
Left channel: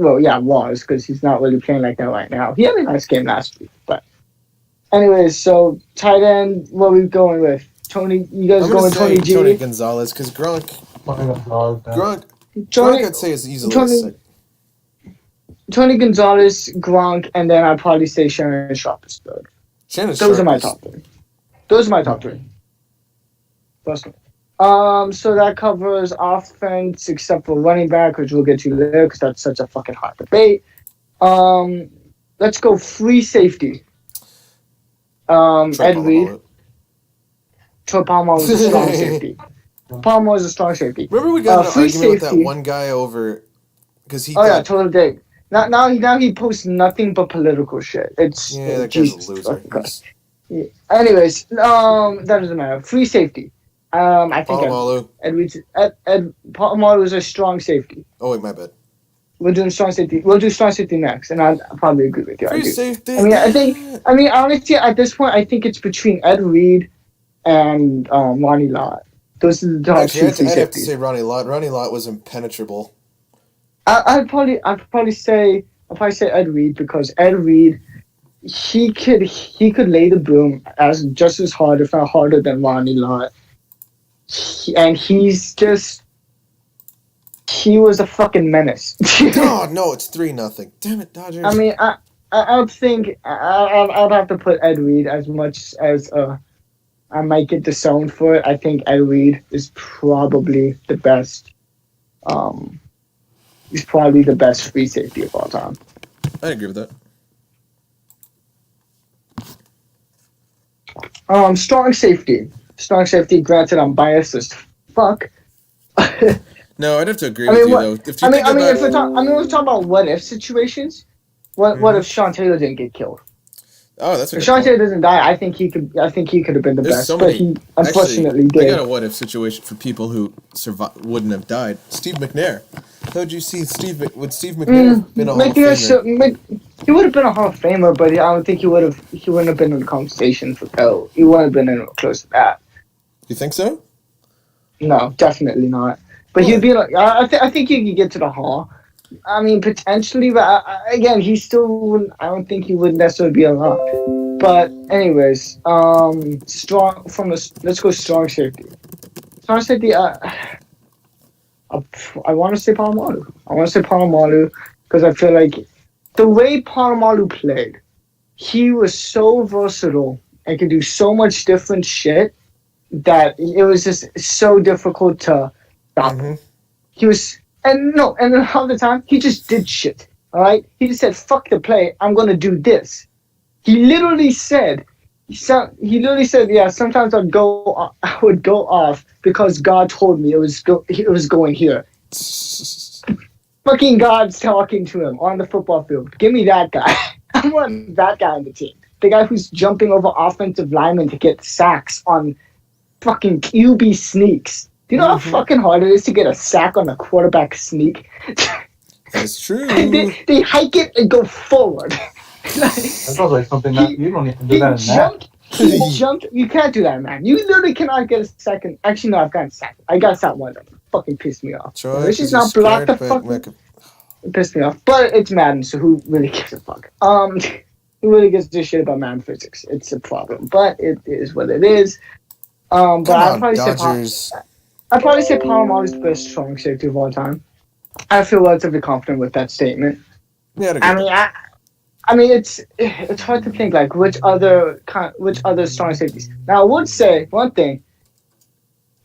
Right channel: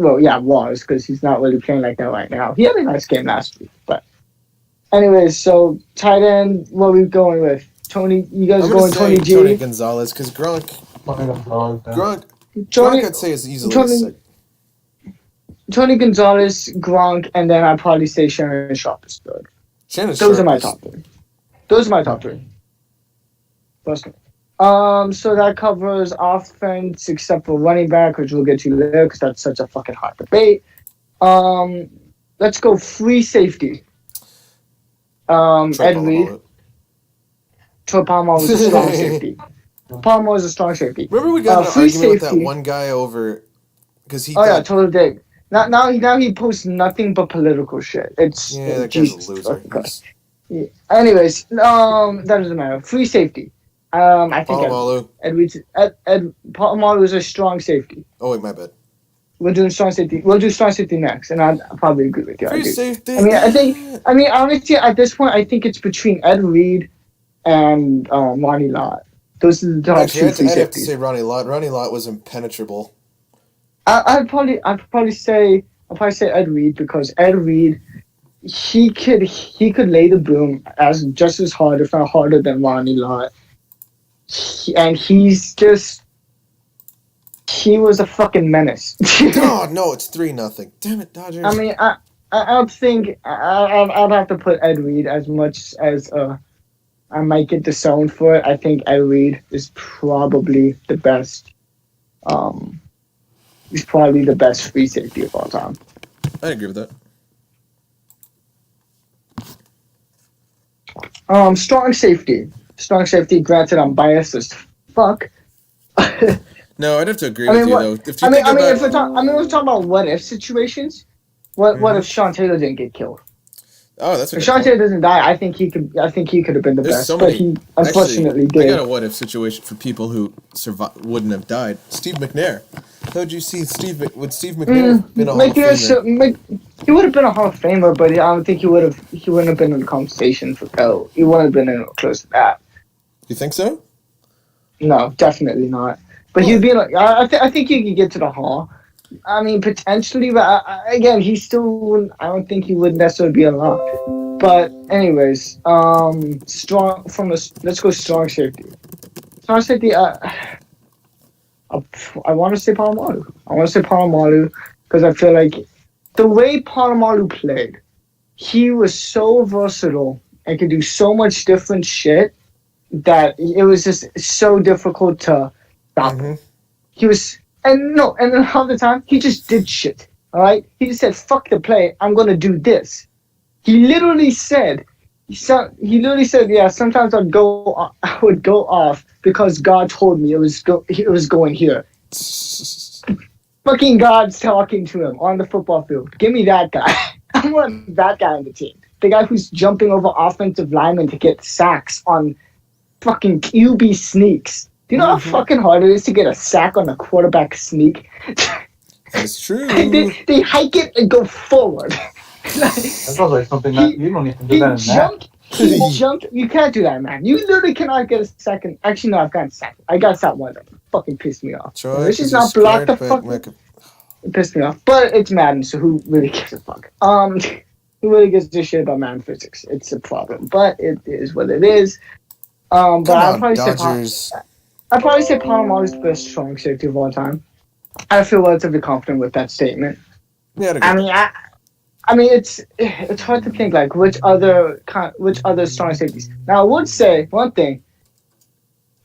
Was because he's not really playing like that right now. He had a nice game last week, but anyways, so tight end. What are we going with? Tony, you guys going Tony G? Tony Gonzalez, because Gronk, I'd say is easily Tony Gonzalez, Gronk, and then I'd probably say Shannon Sharp is third. Those are my top three. Personally. So that covers offense except for running back, which we'll get to later because that's such a fucking hot debate. Let's go free safety. Ed Reed. Troy Palmer was a strong safety. Palmer was a strong safety. Remember we got in an argument with that one guy over because he. Total dig. Now he posts nothing but political shit. That guy's a loser. Anyways, that doesn't matter. Free safety. I think Palamalu is a strong safety. Oh wait, my bad. We'll do strong safety next, and I'll probably agree with you. Free safety. I mean, honestly, at this point, I think it's between Ed Reed and Ronnie Lott. Those are the top two free I'd have to safeties. say Ronnie Lott. Ronnie Lott was impenetrable. I'd probably say Ed Reed, because Ed Reed, he could lay the boom just as hard, if not harder, than Ronnie Lott. He was a fucking menace. Oh no, it's 3-0. Damn it, Dodgers. I mean, I'd think I'd have to put Ed Reed, as much as I might get disowned for it. I think Ed Reed is probably the best. He's probably the best free safety of all time. I agree with that. Strong safety. Granted, I'm biased as fuck. No, I'd have to agree with you though. If you if we're talking about what if situations, what if Sean Taylor didn't get killed? Oh, that's a good If Sean point. Taylor doesn't die, I think he could have been the There's best. so But many. he unfortunately Actually, did. I got a what if situation for people who wouldn't have died. Steve Mcnair. How would you see would Steve McNair have been a Hall of Famer? He would have been a Hall of Famer, but I don't think he wouldn't have been in the conversation for GOAT. He wouldn't have been close to that. You think so? No, definitely not. But he'd be like, I think he could get to the Hall. I mean, potentially, but again, he still wouldn't. I don't think he would necessarily be a lock. But anyways, let's go strong safety. Strong safety. I want to say Polamalu. Because I feel like the way Polamalu played, he was so versatile and could do so much different shit that it was just so difficult to stop. Mm-hmm. He was, and then half the time he just did shit. All right, he just said, "Fuck the play, I'm gonna do this." He literally said, "Yeah, sometimes I would go off because God told me it was going here." Fucking God's talking to him on the football field. Give me that guy. I want that guy on the team. The guy who's jumping over offensive linemen to get sacks on fucking QB sneaks. Do you know how fucking hard it is to get a sack on a quarterback sneak? That's true. They hike it and go forward. That sounds like something that you don't even do that in that. He jumped. You can't do that, man. You literally cannot get a second. Actually, no, I've gotten sacked. I got sacked one of them. Fucking pissed me off. Troy, She's not blocked the fuck. It pissed me off. But it's Madden, so who really gives a fuck? Who really gives a shit about Madden physics? It's a problem, but it is what it is. But I'd probably say Paramount is the best strong safety of all time. I feel relatively confident with that statement. Yeah, I mean, it's hard to think like which other strong safeties. Now, I would say one thing.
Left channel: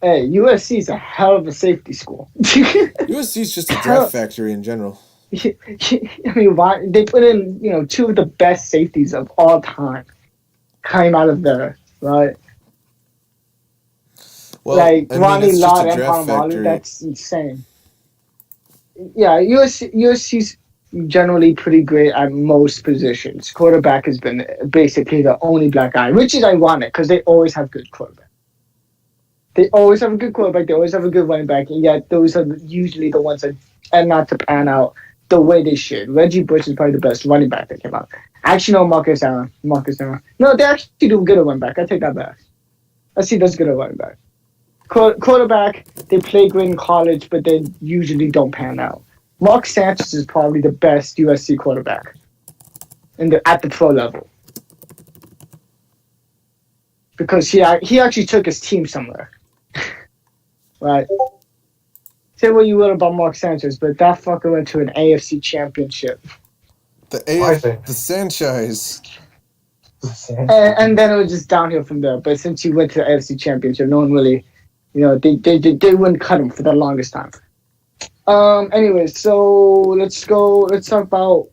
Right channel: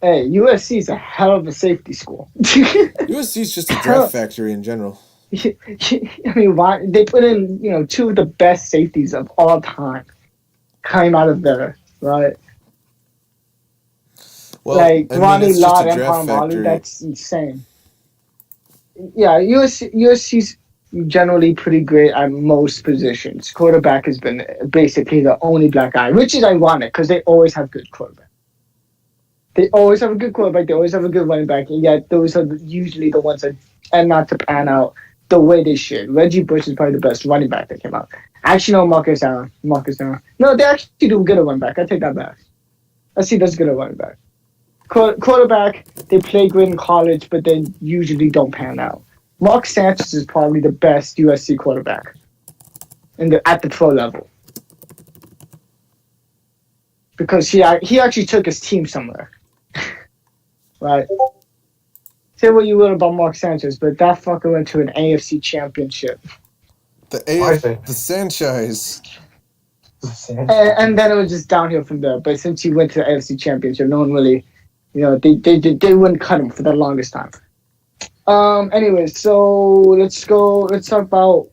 Hey, USC is a hell of a safety school. USC is just a draft factory in general. I mean, why they put in two of the best safeties of all time came out of there, right? Well, like Ronnie Lott and draft Palomalo, that's insane. Yeah, USC's generally pretty great at most positions. Quarterback has been basically the only black guy, which is ironic because they always have good quarterback. They always have a good quarterback. They always have a good running back, and yet those are usually the ones that end not to pan out the way they should. Reggie Bush is probably the best running back that came out. Actually, no, Marcus Allen. No, they actually do good at running back. I take that back. I see that's good at running back. Quarterback, they play great in college, but they usually don't pan out. Mark Sanchez is probably the best USC quarterback at the pro level. Because he actually took his team somewhere. Right? Say what you will about Mark Sanchez, but that fucker went to an AFC championship. The Sanchez. And then it was just downhill from there. But since he went to the AFC championship, no one really, they wouldn't cut him for the longest time. Anyways, so let's talk about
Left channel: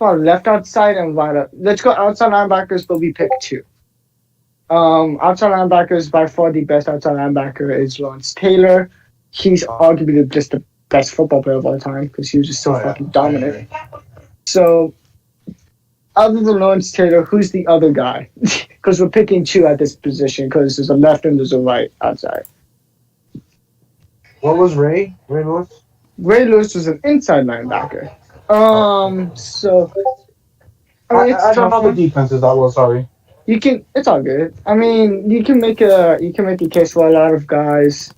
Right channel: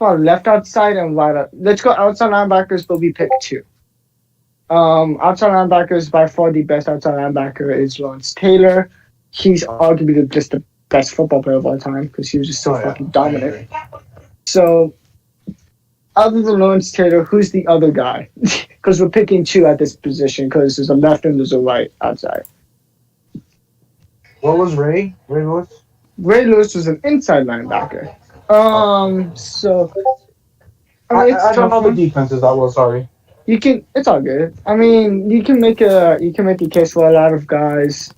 left outside and right up. Let's go outside linebackers, but we pick two. Outside linebackers, by far the best outside linebacker is Lawrence Taylor. He's arguably just the best football player of all time because he was just so fucking dominant. So, other than Lawrence Taylor, who's the other guy? Because we're picking two at this position because there's a left and there's a right outside. What was Ray? Ray Lewis? Ray Lewis was an inside linebacker. So... I don't know the defenses that well, sorry. It's all good. I mean, you can make a case for a lot of guys.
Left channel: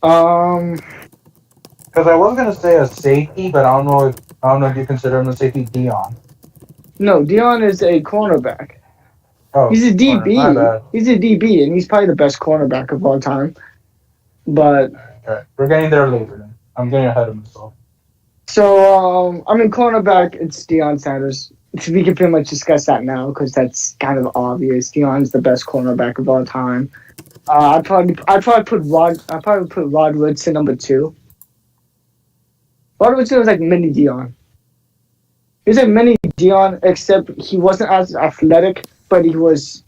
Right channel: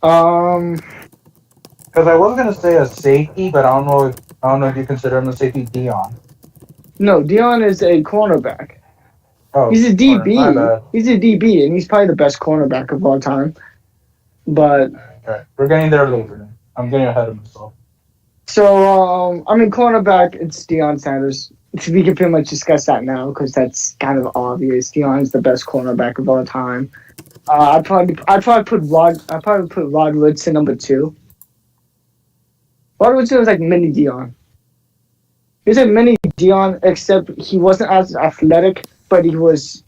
Because I was gonna say a safety, but I don't know if you consider him a safety. Dion. No, Dion is a cornerback. Oh, he's a DB. My bad. He's a DB, and he's probably the best cornerback of all time. But okay. We're getting there later. Then. I'm getting ahead of myself. So, I mean, cornerback, it's Dion Sanders. We can pretty much discuss that now because that's kind of obvious. Dion's the best cornerback of all time. I'd probably put Rod Woodson number 2. Rod Woodson was like mini Dion. He was like mini Dion, except he wasn't as athletic, but he was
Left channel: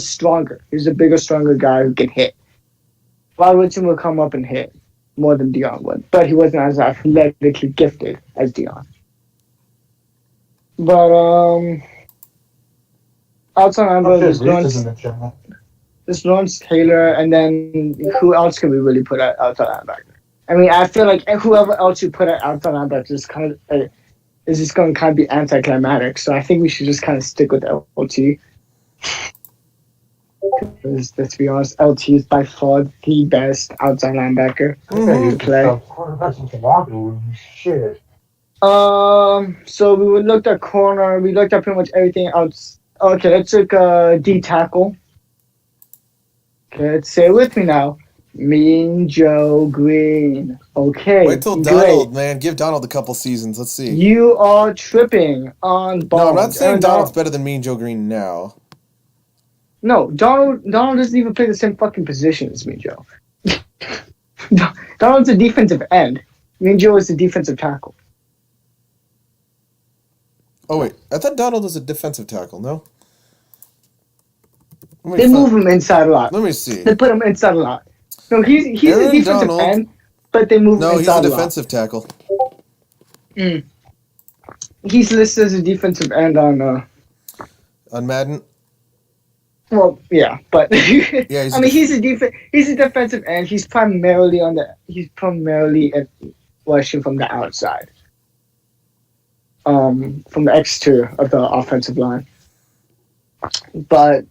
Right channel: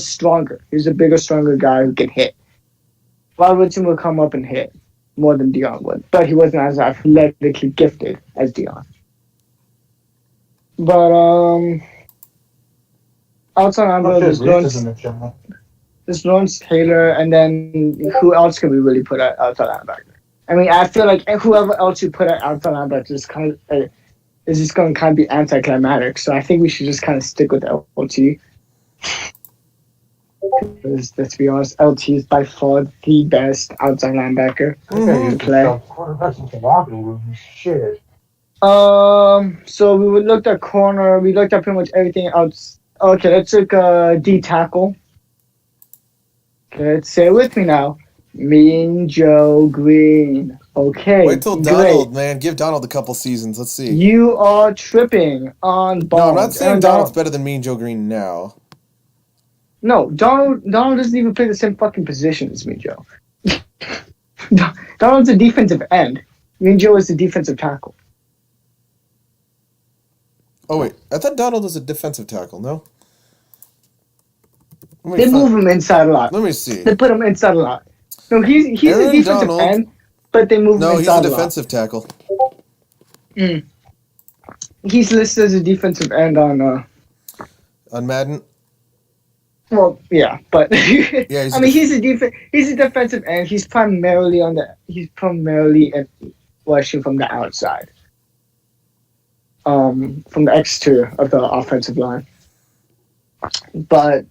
stronger. He was a bigger, stronger guy who could hit. Rod Woodson would come up and hit more than Dion would, but he wasn't as athletically gifted as Dion. But outside linebacker, there's Lawrence Taylor, and then who else can we really put at outside linebacker? I mean, I feel like whoever else you put at outside linebacker is just going to kind of be anticlimactic. So I think we should just kind of stick with LT. Because let's be honest, LT is by far the best outside linebacker you play. Shit. So we looked at corner. We looked at pretty much everything else. Okay, let's look D tackle. Okay, let's say it with me now. Mean Joe Green. Okay. Wait till Donald, man. Give Donald a couple seasons. Let's see. You are tripping on Bond. No, I'm not saying Donald's better than Mean Joe Green now. No, Donald doesn't even play the same fucking position as Mean Joe. Donald's a defensive end. Mean Joe is a defensive tackle. Oh, wait. I thought Donald was a defensive tackle, no? They move him inside a lot. Let me see. They put him inside a lot. No, he's Aaron a defensive Donald, end, but they move him inside a lot. No, he's a defensive tackle. He's listed as a defensive end on Madden? Well, yeah, but yeah, he's a defensive end. He's primarily rushing from the outside. From the exterior of the offensive line. But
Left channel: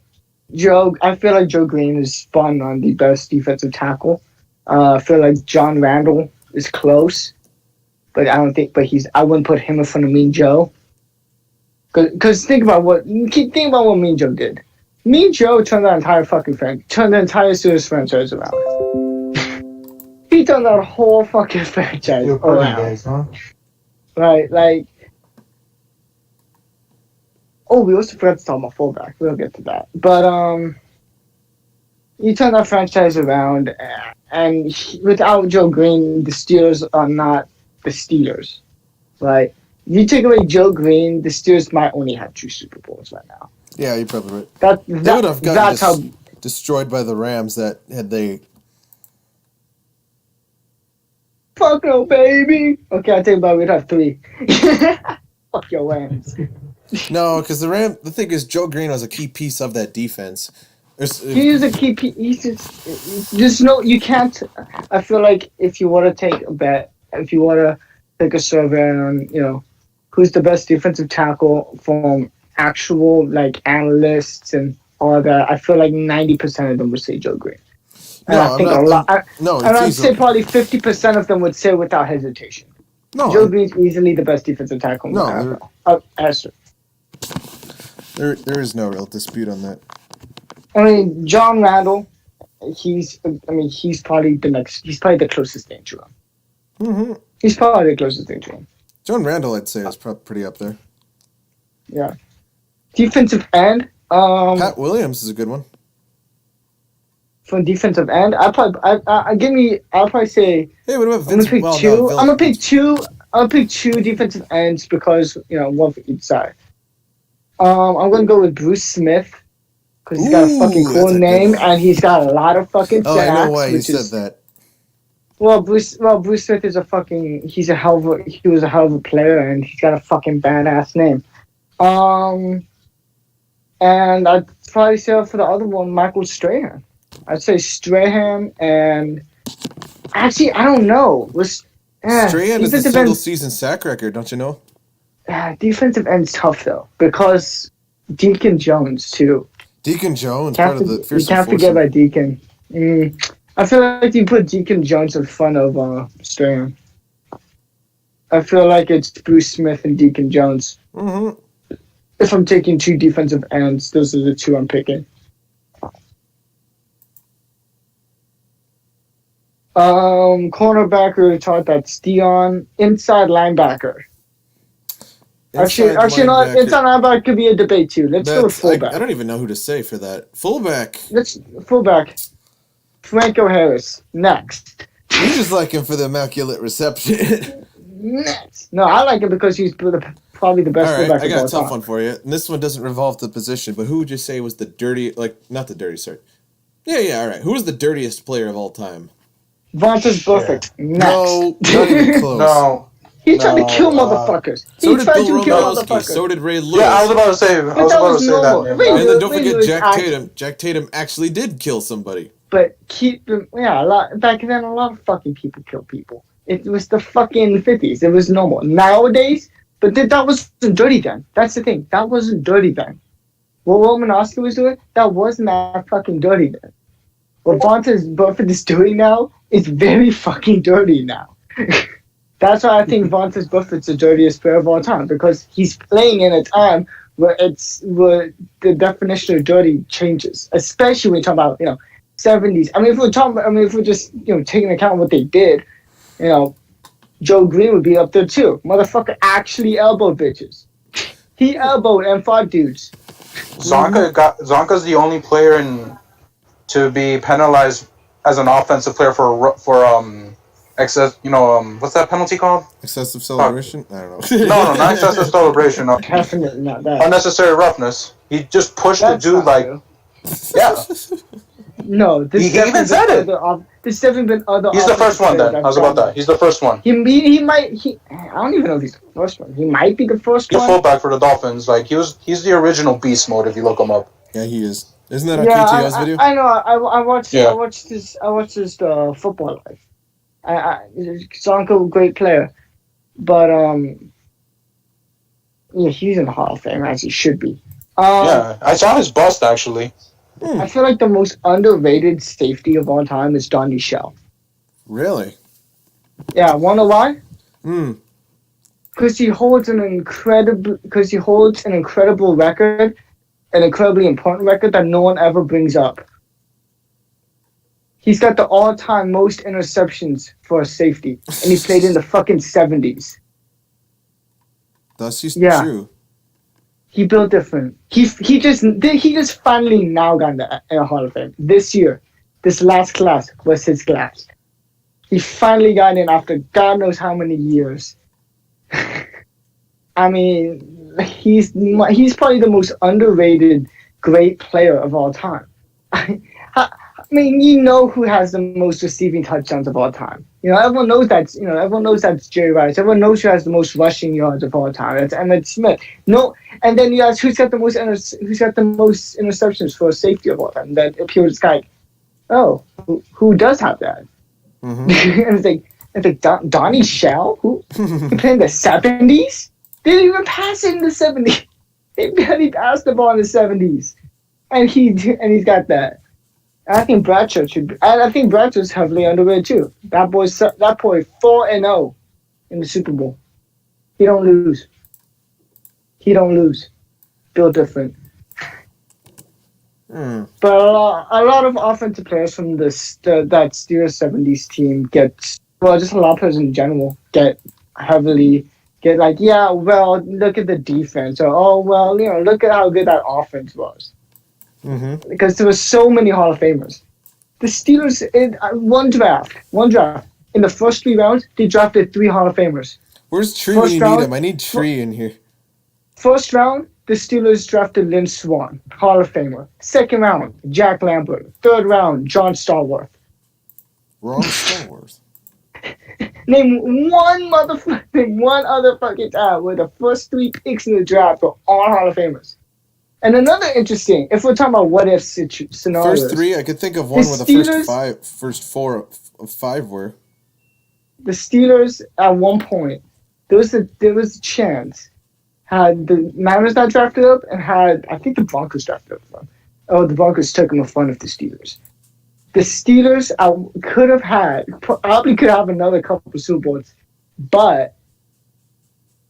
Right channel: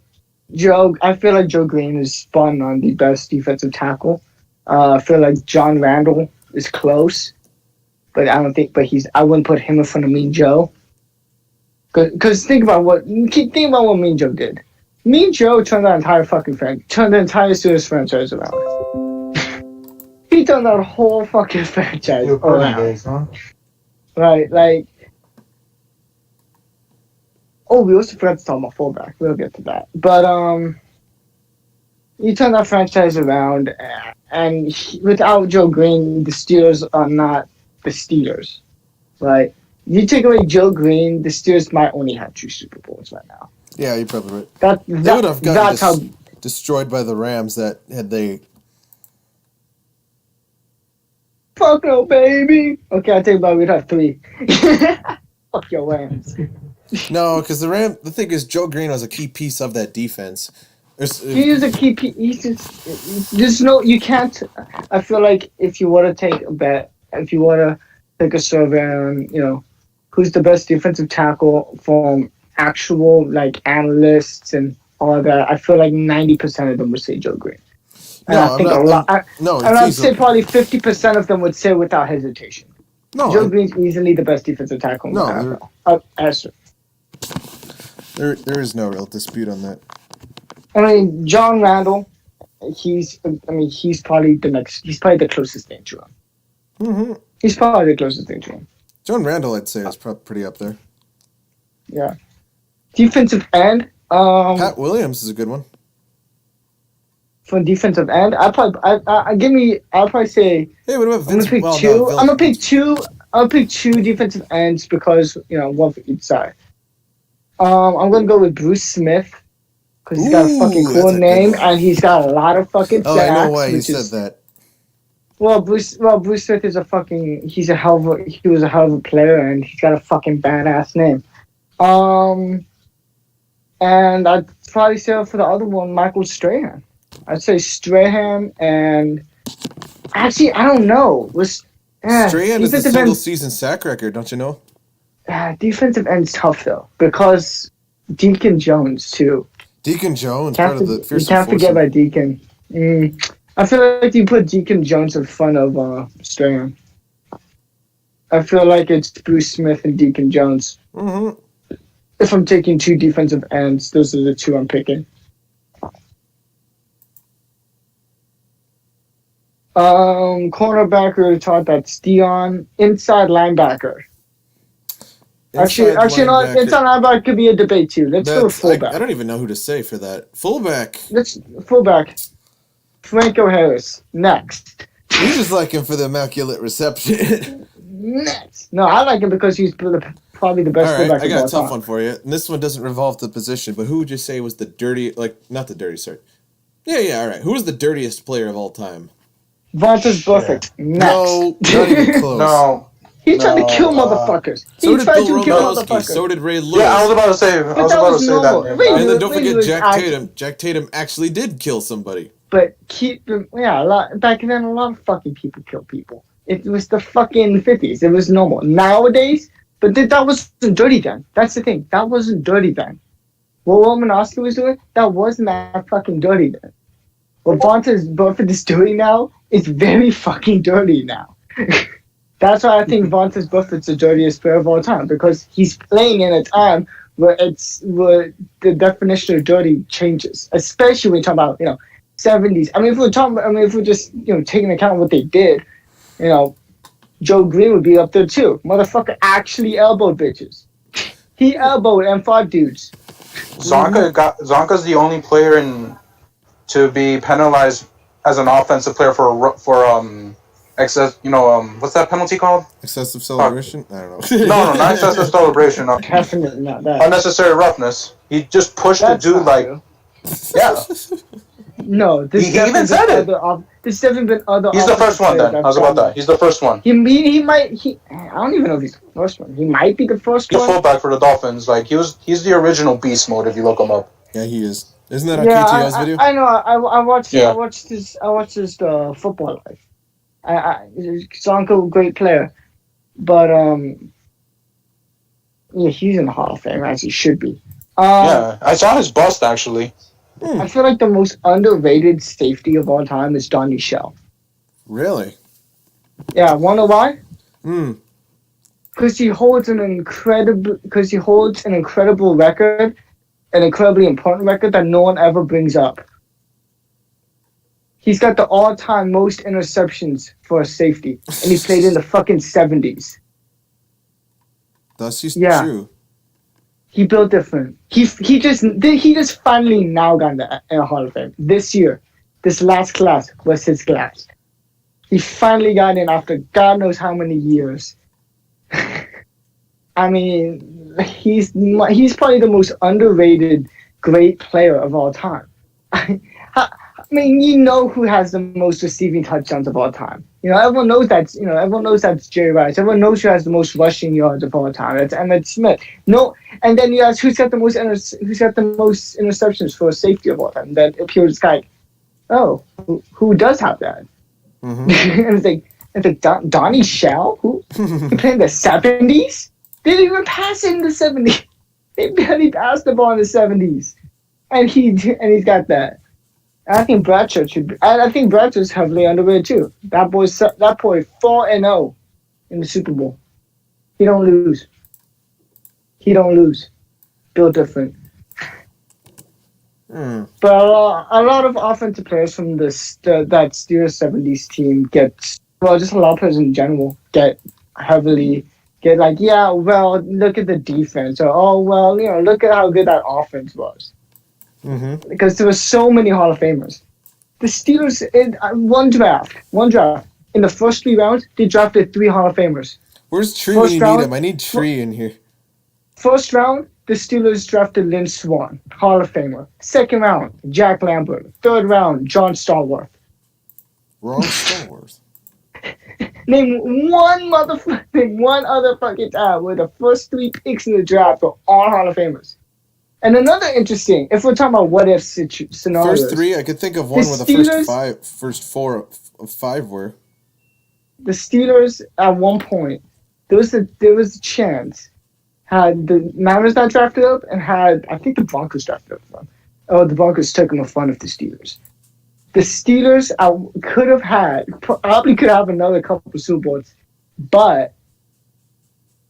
I feel like Joe Green is spun on the best defensive tackle. I feel like John Randall is close, but I wouldn't put him in front of Mean Joe. Because think about what Mean Joe did. Mean Joe turned the entire Steelers franchise around. He turned that whole fucking franchise around. Days, huh? Right, like. Oh, we also forgot to talk about fullback. We'll get to that. But you turn that franchise around, and without Joe Green, the Steelers are not the Steelers, right? If you take away Joe Green, the Steelers might only have 2 Super Bowls right now. Yeah, you're probably right. They would have gotten destroyed by the Rams that had they... Fuck no, baby! Okay, I take it back. We'd have 3. Fuck your Rams. No, because the thing is, Joe Green was a key piece of that defense. He is a key piece. You can't. I feel like if you want to take a bet, if you want to take a survey on, who's the best defensive tackle from actual analysts and all that, I feel like 90% of them would say Joe Green. I'd say probably 50% of them would say without hesitation. No, Joe Green's easily the best defensive tackle. There is no real dispute on that. I mean, John Randall, he's probably the closest thing to him. Mm-hmm. He's probably the closest thing to him. John Randall, I'd say, is pretty up there. Yeah. Defensive end. Pat Williams is a good one. For defensive end, I'll probably say. Hey, what about Vince? I'm gonna pick two. I'll pick 2 defensive ends because one for each side. I'm gonna go with Bruce Smith because he's got a fucking cool name and he's got a lot of fucking. Oh, I know why you said that. Well, Bruce Smith is he was a hell of a player and he's got a fucking badass name. And I'd probably say for the other one, Michael Strahan. I'd say Strahan and actually I don't know. Strahan is a single season sack record, don't you know? Defensive end's tough though because Deacon Jones too. Deacon Jones, part of the Fearsome You can't forget foursome. about Deacon. I feel like you put Deacon Jones in front of Strahan. I feel like it's Bruce Smith and Deacon Jones. Mm-hmm. If I'm taking two defensive ends, those are the two I'm picking. Cornerback, we were taught that's Dion. Inside linebacker. Actually, not inside linebacker could be a debate too. Let's go with fullback. I don't even know who to say for that. Fullback. Fullback. Franco Harris. Next. You just like him for the immaculate reception. Next. No, I like him because he's probably the best fullback. All right, I got a tough one for you. And this one doesn't revolve the position, but who would you say was the not the dirty, sorry. Yeah, all right. Who was the dirtiest player of all time? Vontaze Buffett. Next. No, not even close. No. He tried to kill motherfuckers. So did Bill Romanowski. So did Ray Lewis. Yeah, I was about to say that. And then don't forget Jack Tatum. Jack Tatum actually did kill somebody. But back then, a lot of fucking people kill people. It was the fucking 50s. It was normal. Nowadays, but that wasn't dirty then. That's the thing. That wasn't dirty then. What Romanowski was doing, that wasn't that fucking dirty then. What Vontaze Buffett is doing now is very fucking dirty now. That's why I think Vontaze Buffett's the dirtiest player of all time, because he's playing in a time where the definition of dirty changes, especially when you talk about 70s. I mean, if we're just taking account of what they did, Joe Green would be up there too. Motherfucker actually elbowed bitches. He elbowed M5 dudes. Zonka's the only player to be penalized as an offensive player for excess. What's that penalty called? Excessive celebration? I don't know. No, not excessive celebration. No. Definitely not that. Unnecessary roughness. He just pushed the dude like. Yeah. No, he even said it. There's definitely been other. He's the first one. Then I was about that. He's the first one. He might. I don't even know if he's the first one. He might be the first one. The fullback for the Dolphins. Like he's the original beast mode. If you look him up. Yeah, he is. Isn't that on KTO's video? I know. I watched. Yeah. I watched his football life. Zonko, great player, but he's in the Hall of Fame as he should be. Yeah, I saw his bust actually. I feel like the most underrated safety of all time is Donnie Shell. Really? Yeah, wanna know why? Because he holds an incredible record, an incredibly important record that no one ever brings up. He's got the all-time most interceptions for a safety, and he played in the fucking 70s. That's just true. He built different. He just finally now got in the Hall of Fame. This year, this last class was his class. He finally got in after God knows how many years. I mean, he's probably the most underrated great player of all time. I mean, who has the most receiving touchdowns of all time. Everyone knows that's Jerry Rice. Everyone knows who has the most rushing yards of all time. That's Emmitt Smith. No, and then you ask who's got the most interceptions for a safety of all time. Then appears like, oh, who does have that? Mm-hmm. And it's like Donnie Shell, who played in the 70s. They didn't even pass it in the 70s. They barely passed the ball in the 70s, and he's got that. I think Bradshaw should be. I think Bradshaw's heavily underrated too. That boy 4-0 in the Super Bowl. He don't lose. Built different. But a lot of offensive players from that Steelers 70s team just a lot of players in general get like, yeah, well, look at the defense, or oh well, look at how good that offense was. Mm-hmm. Because there were so many Hall of Famers. The Steelers, in one draft, in the first 3 rounds, they drafted 3 Hall of Famers. Where's Tree when you need him? I need Tree in here. First round, the Steelers drafted Lynn Swann, Hall of Famer. Second round, Jack Lambert. Third round, John Stallworth. Wrong Stallworth. Name one other fucking time where the first 3 picks in the draft were all Hall of Famers. And another interesting, if we're talking about what if scenarios. First 3, I could think of one where the first 4 of 5 were. The Steelers at one point, there was a chance, had the Niners not drafted up and had, I think the Broncos drafted up. Oh, the Broncos took him in front of the Steelers. The Steelers probably could have another couple of Super Bowls, but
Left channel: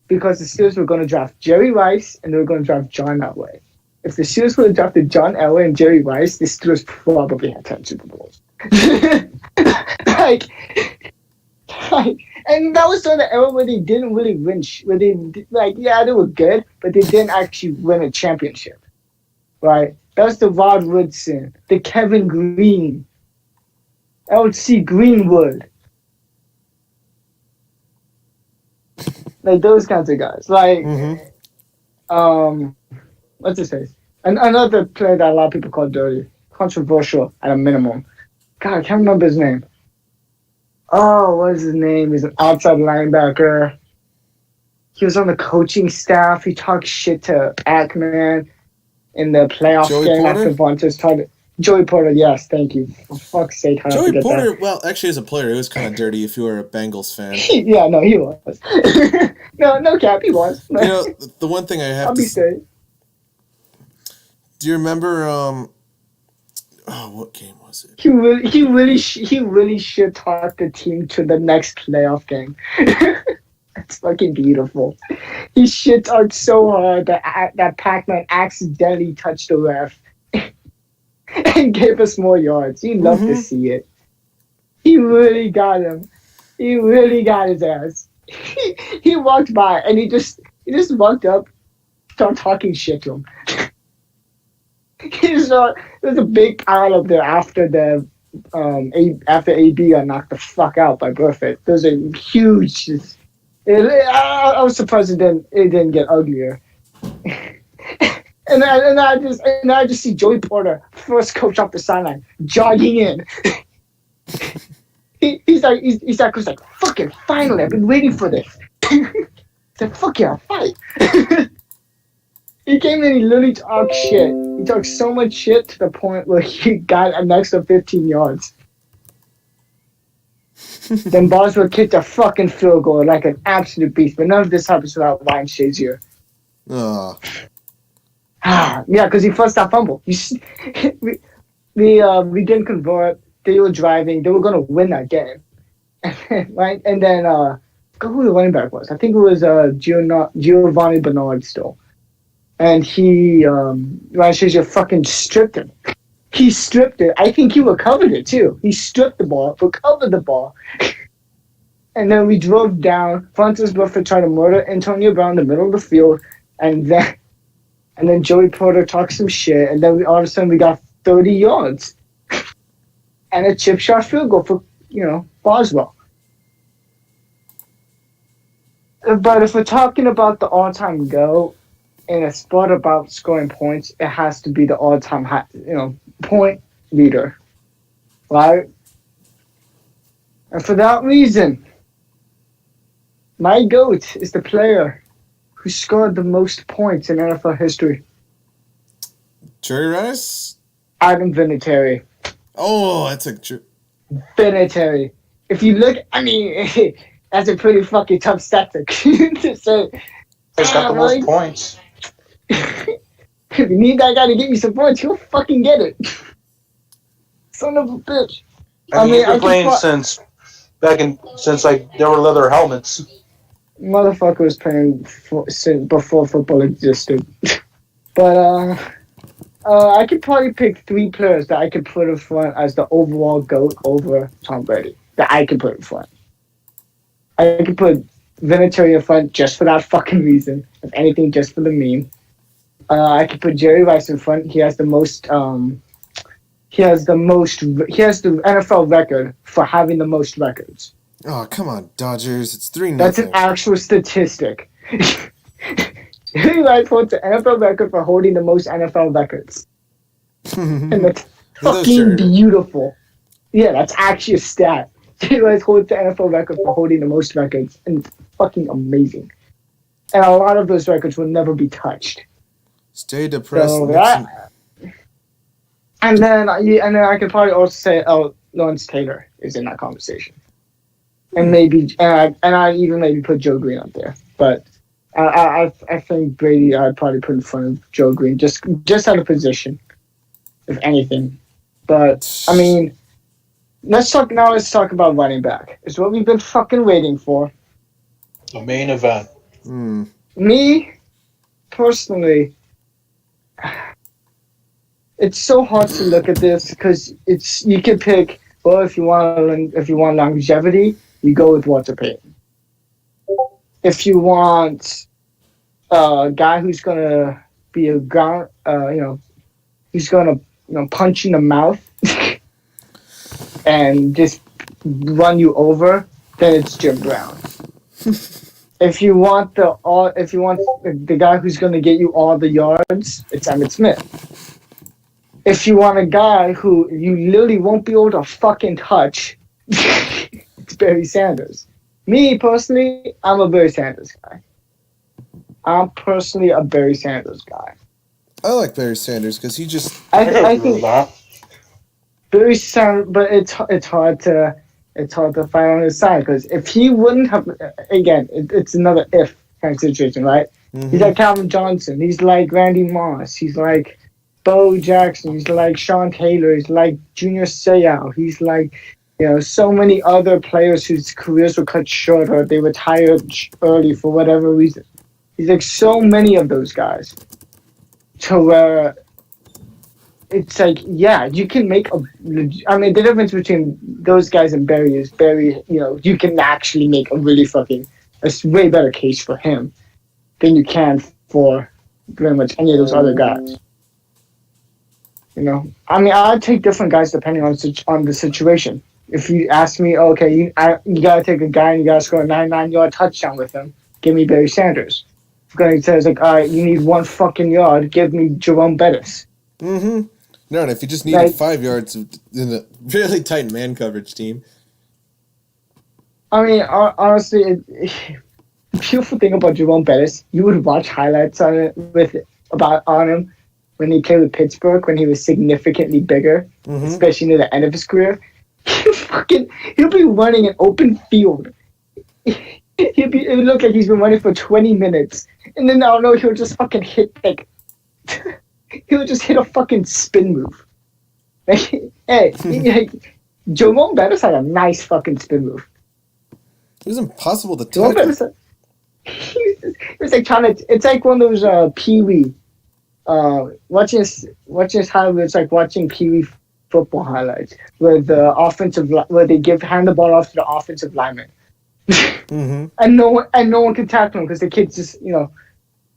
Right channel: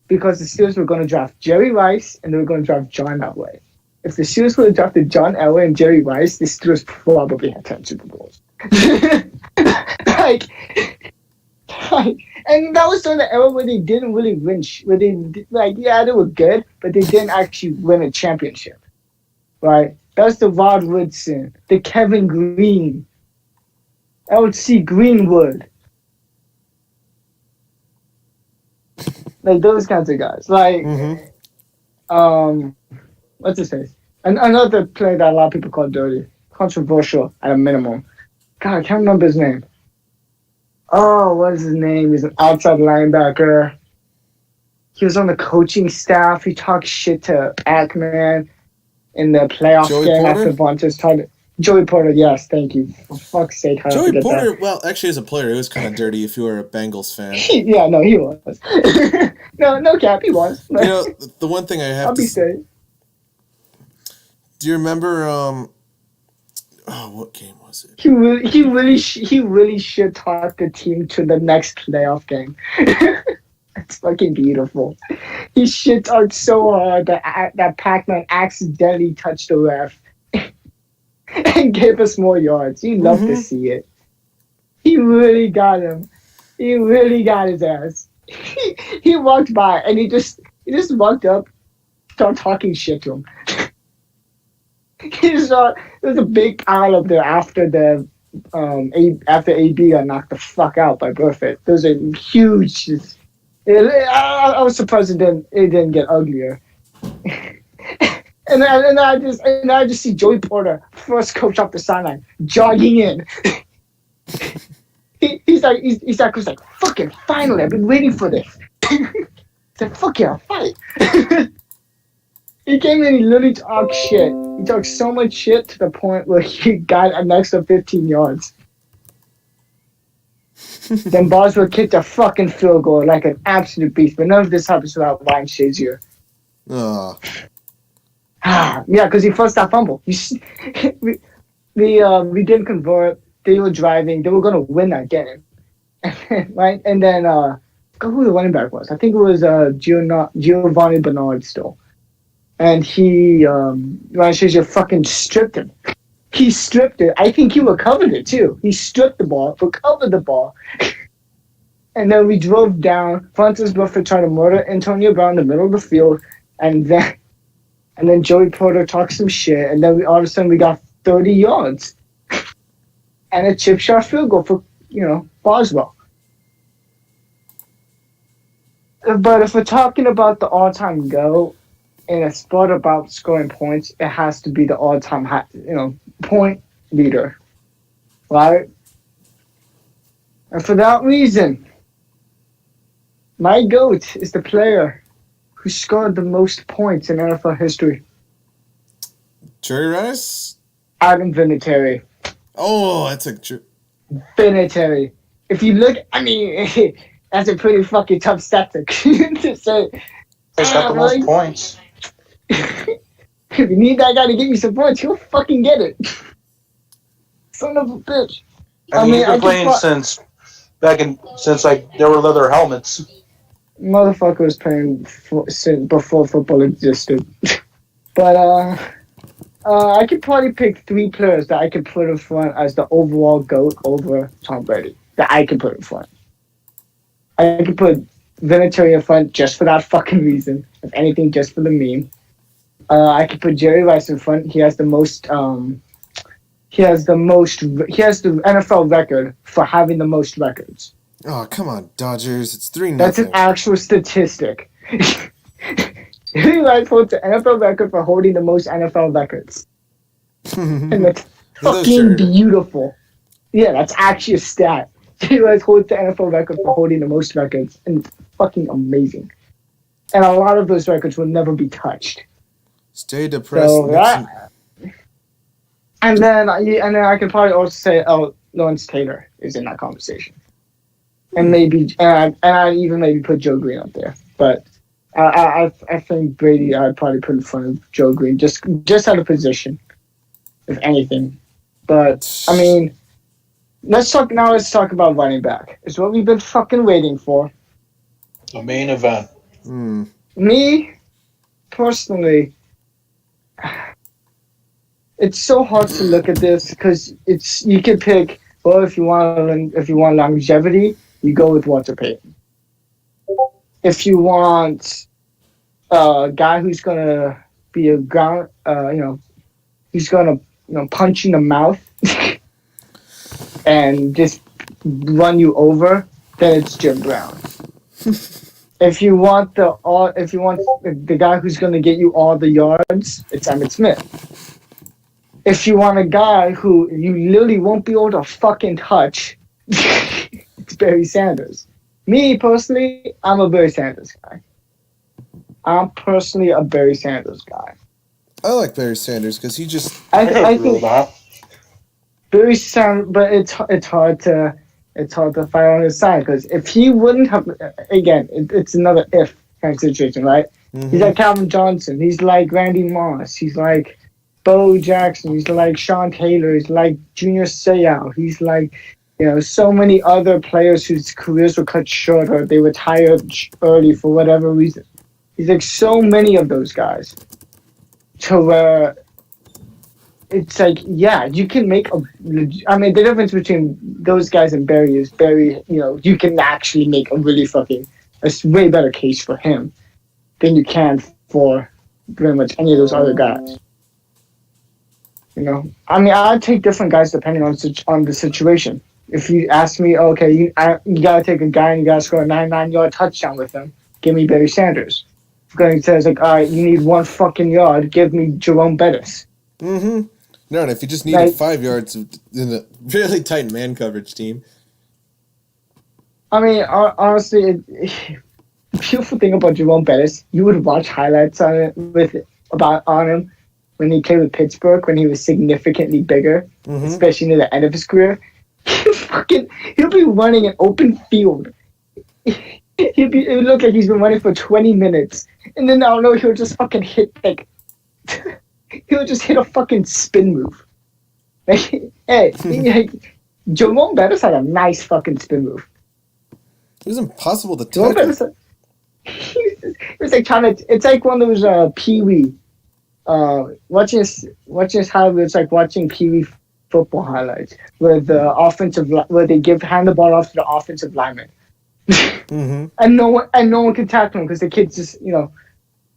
because the Steelers were going to draft Jerry Rice and they were going to draft John Elway. If the Steelers would have drafted John Elway and Jerry Rice, the Steelers probably had 10 Super Bowls. like, and that was during the era where they didn't really win. They were good, but they didn't actually win a championship, right? That was the Rod Woodson, the Kevin Green, L.C. Greenwood, like those kinds of guys. Like, what's his face? Another player that a lot of people call dirty, controversial at a minimum. God, I can't remember his name. Oh, what is his name? He's an outside linebacker. He was on the coaching staff. He talked shit to Mcnair in the playoff game after Vontaze started. Joey Porter, yes, thank you. For fuck's sake, how Joey Porter, well, actually, as a player, it was kind of dirty if you were a Bengals fan. Yeah, no, he was. no cap, he was. You know, the one thing I have to say. Do you remember? What game was it? He really should talk the team to the next playoff game. It's fucking beautiful. He shit talked so hard that Pac-Man accidentally touched the ref and gave us more yards. You love to see it. He really got him. He really got his ass. He walked by and he just walked up, started talking shit to him. There's a big pile up there after after AB got knocked the fuck out by Burfitt. There's a huge. I was surprised it didn't get uglier. and I just see Joey Porter, first coach off the sideline, jogging in. he's like, fucking finally, I've been waiting for this. He's like, fuck yeah, fight. He came in, he literally talked shit. He talked so much shit to the point where he got an extra 15 yards. Then Boswell kicked a fucking field goal like an absolute beast. But none of this happens without Ryan Shazier. Yeah, because he first got fumbled. We didn't convert. They were driving. They were going to win that game. Right? And then, I forgot who the running back was. I think it was Giovanni Bernard still. And Ryan Shazier fucking stripped him. He stripped it. I think he recovered it too. He stripped the ball, recovered the ball. And then we drove down. Vontaze Burfict tried to murder Antonio Brown in the middle of the field. And then Joey Porter talked some shit. And then all of a sudden we got 30 yards. And a chip shot field goal for, Boswell. But if we're talking about the all-time GOAT, in a sport about scoring points, it has to be the all-time point leader, right? And for that reason, my GOAT is the player who scored the most points in NFL history. Jerry Rice? Adam Vinatieri. Oh, that's a true. Vinatieri. If you look, that's a pretty fucking tough stat to say. He's got the most points. If you need that guy to get you some points, he'll fucking get it. Son of a bitch. He's been playing since there were leather helmets. Motherfucker was playing before football existed. But I could probably pick 3 players that I could put in front as the overall GOAT over Tom Brady. That I could put in front. I could put Vinatieri in front just for that fucking reason. If anything, just for the meme. I could put Jerry Rice in front. He has the NFL record for having the most records. Oh, come on, Dodgers. It's 3-0. That's an actual statistic. Jerry Rice holds the NFL record for holding the most NFL records. And that's fucking beautiful. Yeah, that's actually a stat. Jerry Rice holds the NFL record for holding the most records. And it's fucking amazing. And a lot of those records will never be touched. Stay depressed. And then I can probably also say, Lawrence Taylor is in that conversation, and maybe I even maybe put Joe Green up there. But I think Brady I'd probably put in front of Joe Green just out of position. if anything. But I mean, let's talk about running back. It's what we've been fucking waiting for. The main event. Me, personally, it's so hard to look at this because you can pick. Well, if you want longevity, you go with Walter Payton. If you want a guy who's gonna be a ground, who's gonna punch you in the mouth and just run you over, then it's Jim Brown. If you want the guy who's gonna get you all the yards, it's Emmitt Smith. If you want a guy who you literally won't be able to fucking touch, it's Barry Sanders. Me, personally, I'm a Barry Sanders guy. I'm personally a Barry Sanders guy. I like Barry Sanders because he just... I think Barry Sanders, but it's hard to fight on his side because if he wouldn't have... Again, it's another if kind of situation, right? Mm-hmm. He's like Calvin Johnson. He's like Randy Moss. He's like Bo Jackson. He's like Sean Taylor. He's like Junior Seau. He's like, so many other players whose careers were cut short or they retired early for whatever reason. He's like so many of those guys to where it's like, yeah, you can make the difference between those guys and Barry is Barry, you can actually make a way better case for him than you can for pretty much any of those other guys. I'd take different guys depending on the situation. If you ask me, okay, you gotta take a guy and you gotta score a 99-yard touchdown with him, give me Barry Sanders. If going says like, all right, you need 1 fucking yard, give me Jerome Bettis. Mm-hmm. No, and if you just needed 5 yards in a really tight man coverage team. Honestly, the beautiful thing about Jerome Bettis, you would watch highlights on him when he played with Pittsburgh when he was significantly bigger, especially near the end of his career. He'll be running an open field. It would look like he's been running for 20 minutes. And then I don't know, he'll just fucking hit he'll just hit a fucking spin move. Jerome Bettis had a nice fucking spin move. It was impossible to tackle. It was like it's like one of those Pee-wee. Watching this highlight, it's like watching Pee-wee football highlights where they hand the ball off to the offensive lineman. And no one can tackle him because the kids just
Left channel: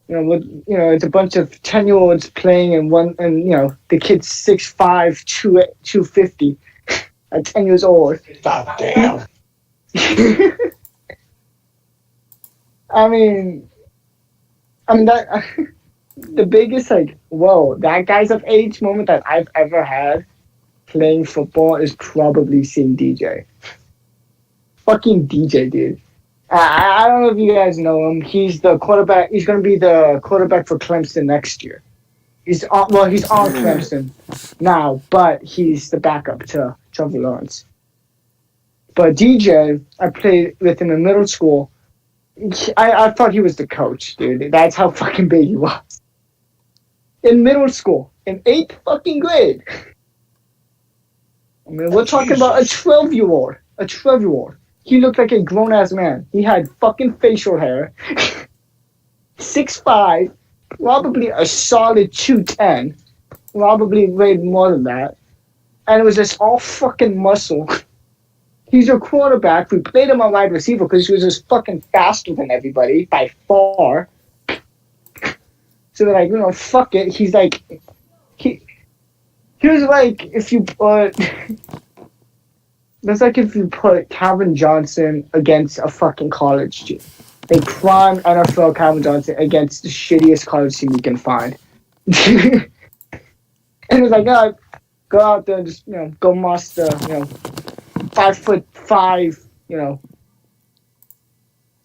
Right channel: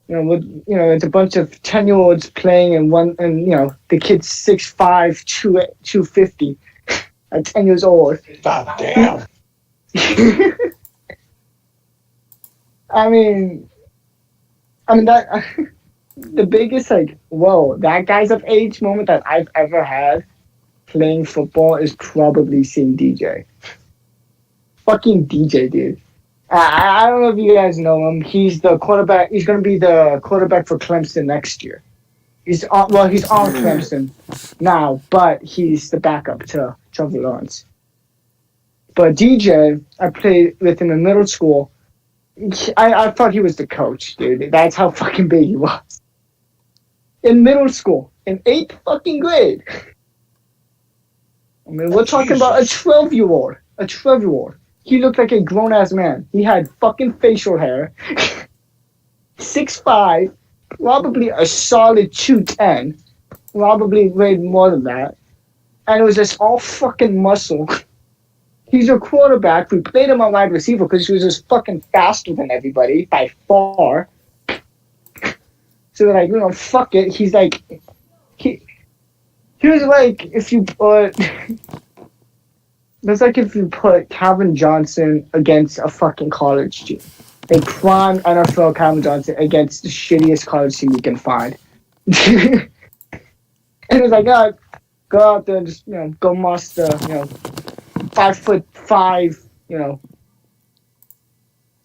it's a bunch of 10-year-olds playing and the kid's 6'5", 250 at 10 years old. God damn. That the biggest whoa, that guy's of age moment that I've ever had playing football is probably seeing DJ. Fucking DJ, dude. I don't know if you guys know him. He's the quarterback. He's going to be the quarterback for Clemson next year. He's on Clemson now, but he's the backup to Trevor Lawrence. But DJ, I played with him in middle school. I thought he was the coach, dude. That's how fucking big he was. In middle school, in 8th fucking grade. We're talking about a 12-year-old. A 12-year-old. He looked like a grown-ass man. He had fucking facial hair. 6'5", probably a solid 210. Probably weighed more than that. And it was just all fucking muscle. He's a quarterback. We played him on wide receiver because he was just fucking faster than everybody by far. So they're like, fuck it. He's like, he was like if you put. It's like if you put Calvin Johnson against a fucking college team. A prime NFL Calvin Johnson against the shittiest college team you can find. And it's like, go out there and just, go muster, 5'5",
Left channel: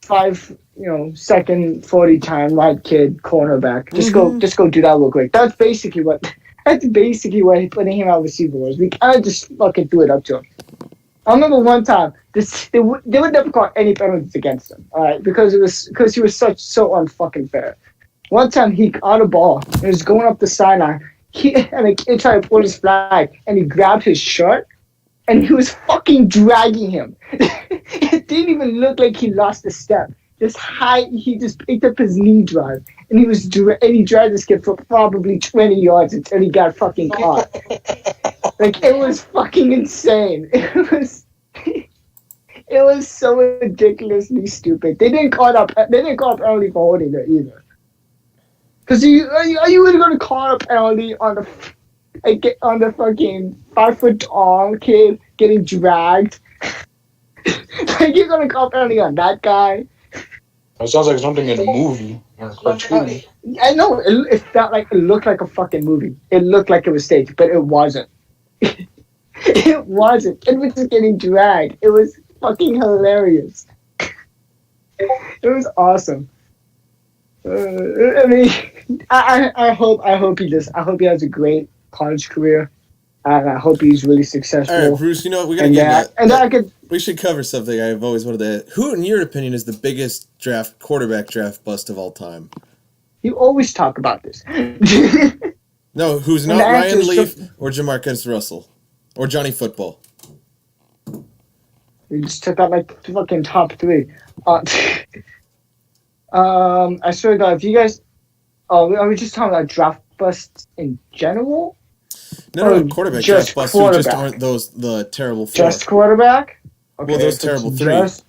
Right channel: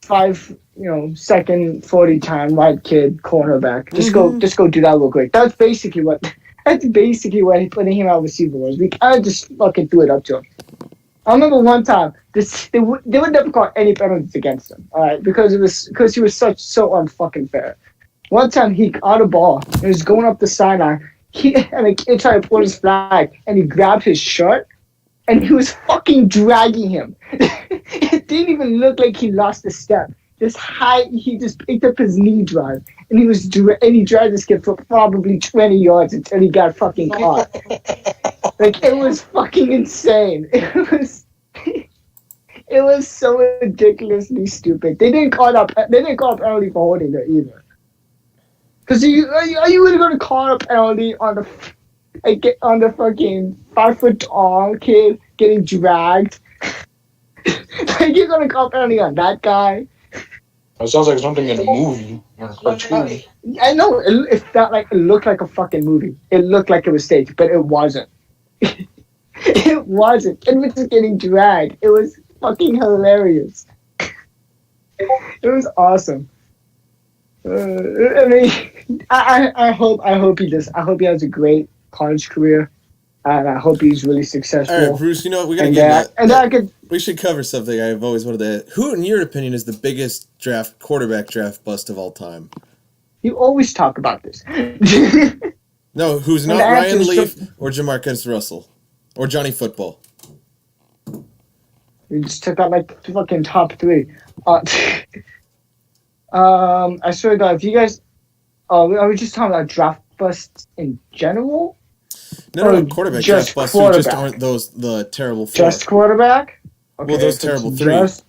2nd 40 time white kid cornerback. Just go do that real quick. That's basically what putting him out receiver was. We kind of just fucking threw it up to him. I remember one time they would never call any penalties against him, all right, because he was so unfucking fair. One time he caught a ball and was going up the sideline. and a kid tried to pull his flag, and he grabbed his shirt, and he was fucking dragging him. It didn't even look like he lost a step. He just picked up his knee drive, and he dragged this kid for probably 20 yards until he got fucking caught. Like, it was fucking insane. It was so ridiculously stupid. They didn't call up early for holding it either. Because are you really going to call up early on the fucking 5 foot tall kid getting dragged? Like, you're going to call up early on that guy? It sounds like something in a movie or a cartoon. I know, it felt like it looked like a fucking movie. It looked like it was staged, but it wasn't. It wasn't. It was just getting dragged. It was fucking hilarious. It was awesome. I mean, I hope he has a great college career, and I hope he's really successful. All right, Bruce. You know what? We gotta get that. We should cover something I've always wanted to. Who, in your opinion, is the biggest quarterback draft bust of all time? You always talk about this. No, who's not Ryan Leaf or Jamarcus Russell or Johnny Football? We just took out like the fucking top three. I swear to God, if you guys, are we just talking about draft busts in general? No, quarterback draft busts who just aren't the terrible four. Just quarterback? Okay, well, those terrible three. If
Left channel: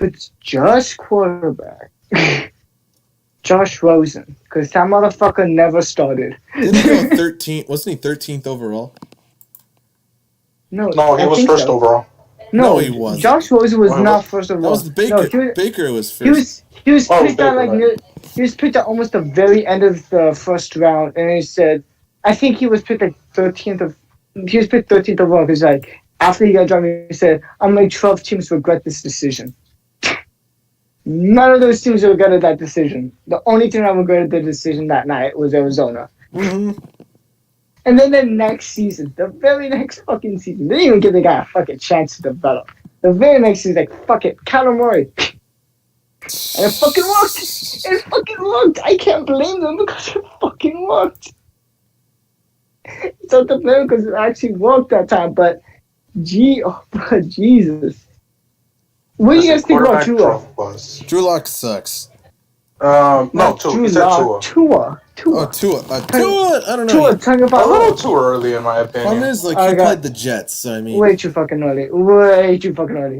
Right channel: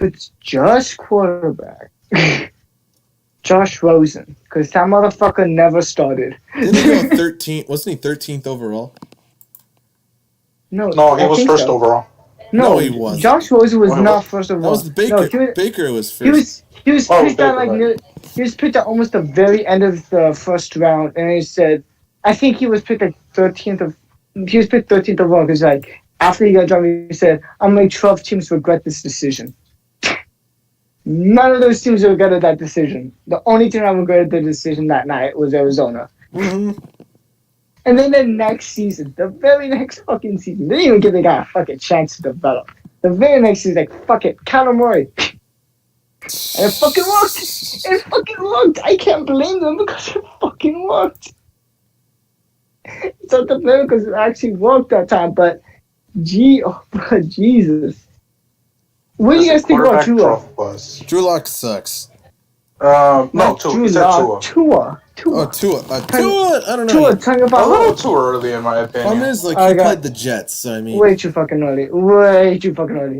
it's just quarterback, Josh Rosen, because that motherfucker never started. Didn't he go 13th? Wasn't he 13th overall? No, he was first overall. No, he wasn't. Josh Rosen was not first overall. That was Baker. No, Baker was first. He was picked at he was picked at almost the very end of the first round, and he said, I think he was picked like 13th. He was picked 13th overall because like after he got drafted, he said, "I'm like 12 teams regret this decision." None of those teams regretted that decision. The only team that regretted the decision that night was Arizona. Mm-hmm. And then the next season, the very next fucking season, they didn't even give the guy a fucking chance to develop. The very next season, like, fuck it, Kyler Murray. And it fucking worked. It fucking worked. I can't blame them because it fucking worked. It's not the blame because it actually worked that time, but Jesus. What do you guys think about Tua? Drew Lock sucks. No, Tua. Tua. Oh, Tua. I don't know. A little too early, in my opinion. Problem is, like, he played the Jets, so I mean... Way too fucking early.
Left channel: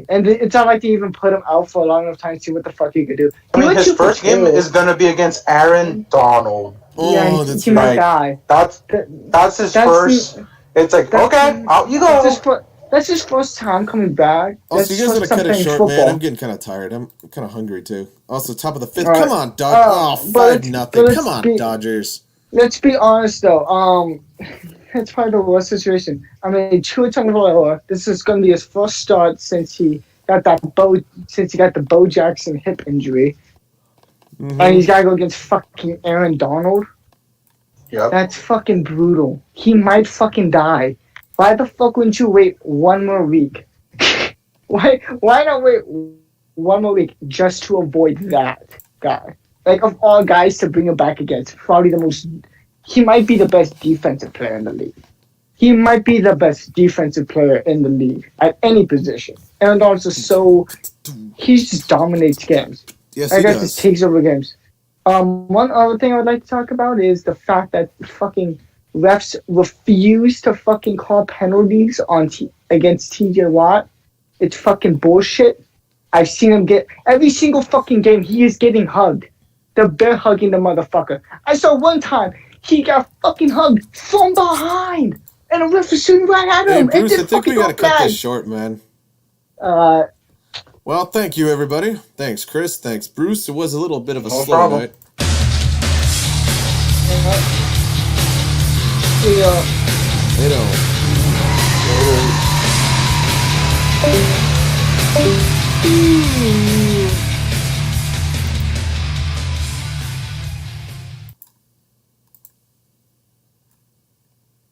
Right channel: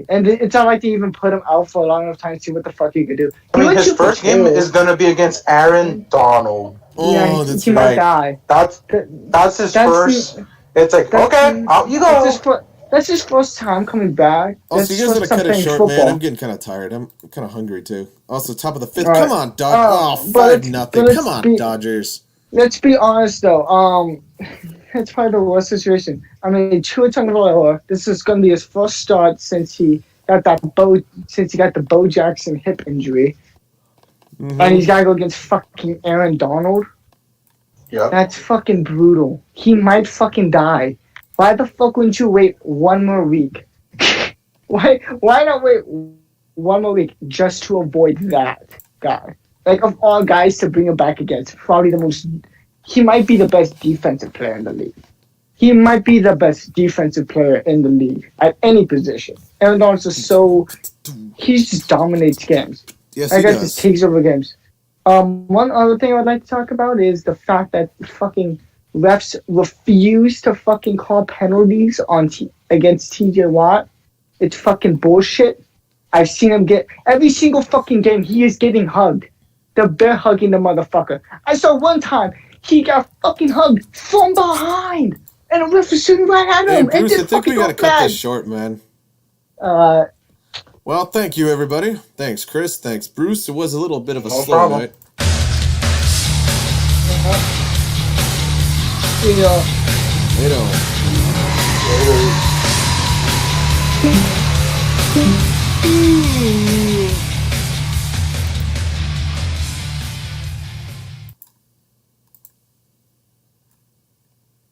And it's not like they even put him out for a long enough time to see what the fuck he could do. I mean, his first game is going to be against Aaron Donald. Oh, that's right. Might die. That's his first... It's like, okay, out you go. That's his first time coming back. Also, you guys gotta cut it short, man. I'm getting kind of tired. I'm kind of hungry, too. Also, top of the fifth. Right. Come on, Dodgers. 5-0. Come on, Dodgers. Let's be honest, though. That's probably the worst situation. I mean, Tua Tagovailoa, this is going to be his first start since he got the Bo Jackson hip injury. Mm-hmm. And he's got to go against fucking Aaron Donald. Yep. That's fucking brutal. He might fucking die. Why the fuck wouldn't you wait one more week? Why not wait one more week just to avoid that guy? Like, of all guys to bring him back against, probably he might be the best defensive player in the league. He might be the best defensive player in the league at any position. Aaron Donald's just he just dominates games. Yes, he does. Just takes over games. One other thing I would like to talk about is the fact that fucking refs refuse to fucking call penalties against TJ Watt. It's fucking bullshit. I've seen him get every single fucking game. He is getting hugged. They're bear hugging the motherfucker. I saw one time he got fucking hugged from behind, and the ref was shooting right at him. Hey Bruce, I think we gotta cut this short, man. Well, thank you, everybody. Thanks, Chris. Thanks, Bruce. It was a little bit of a slow night. Later.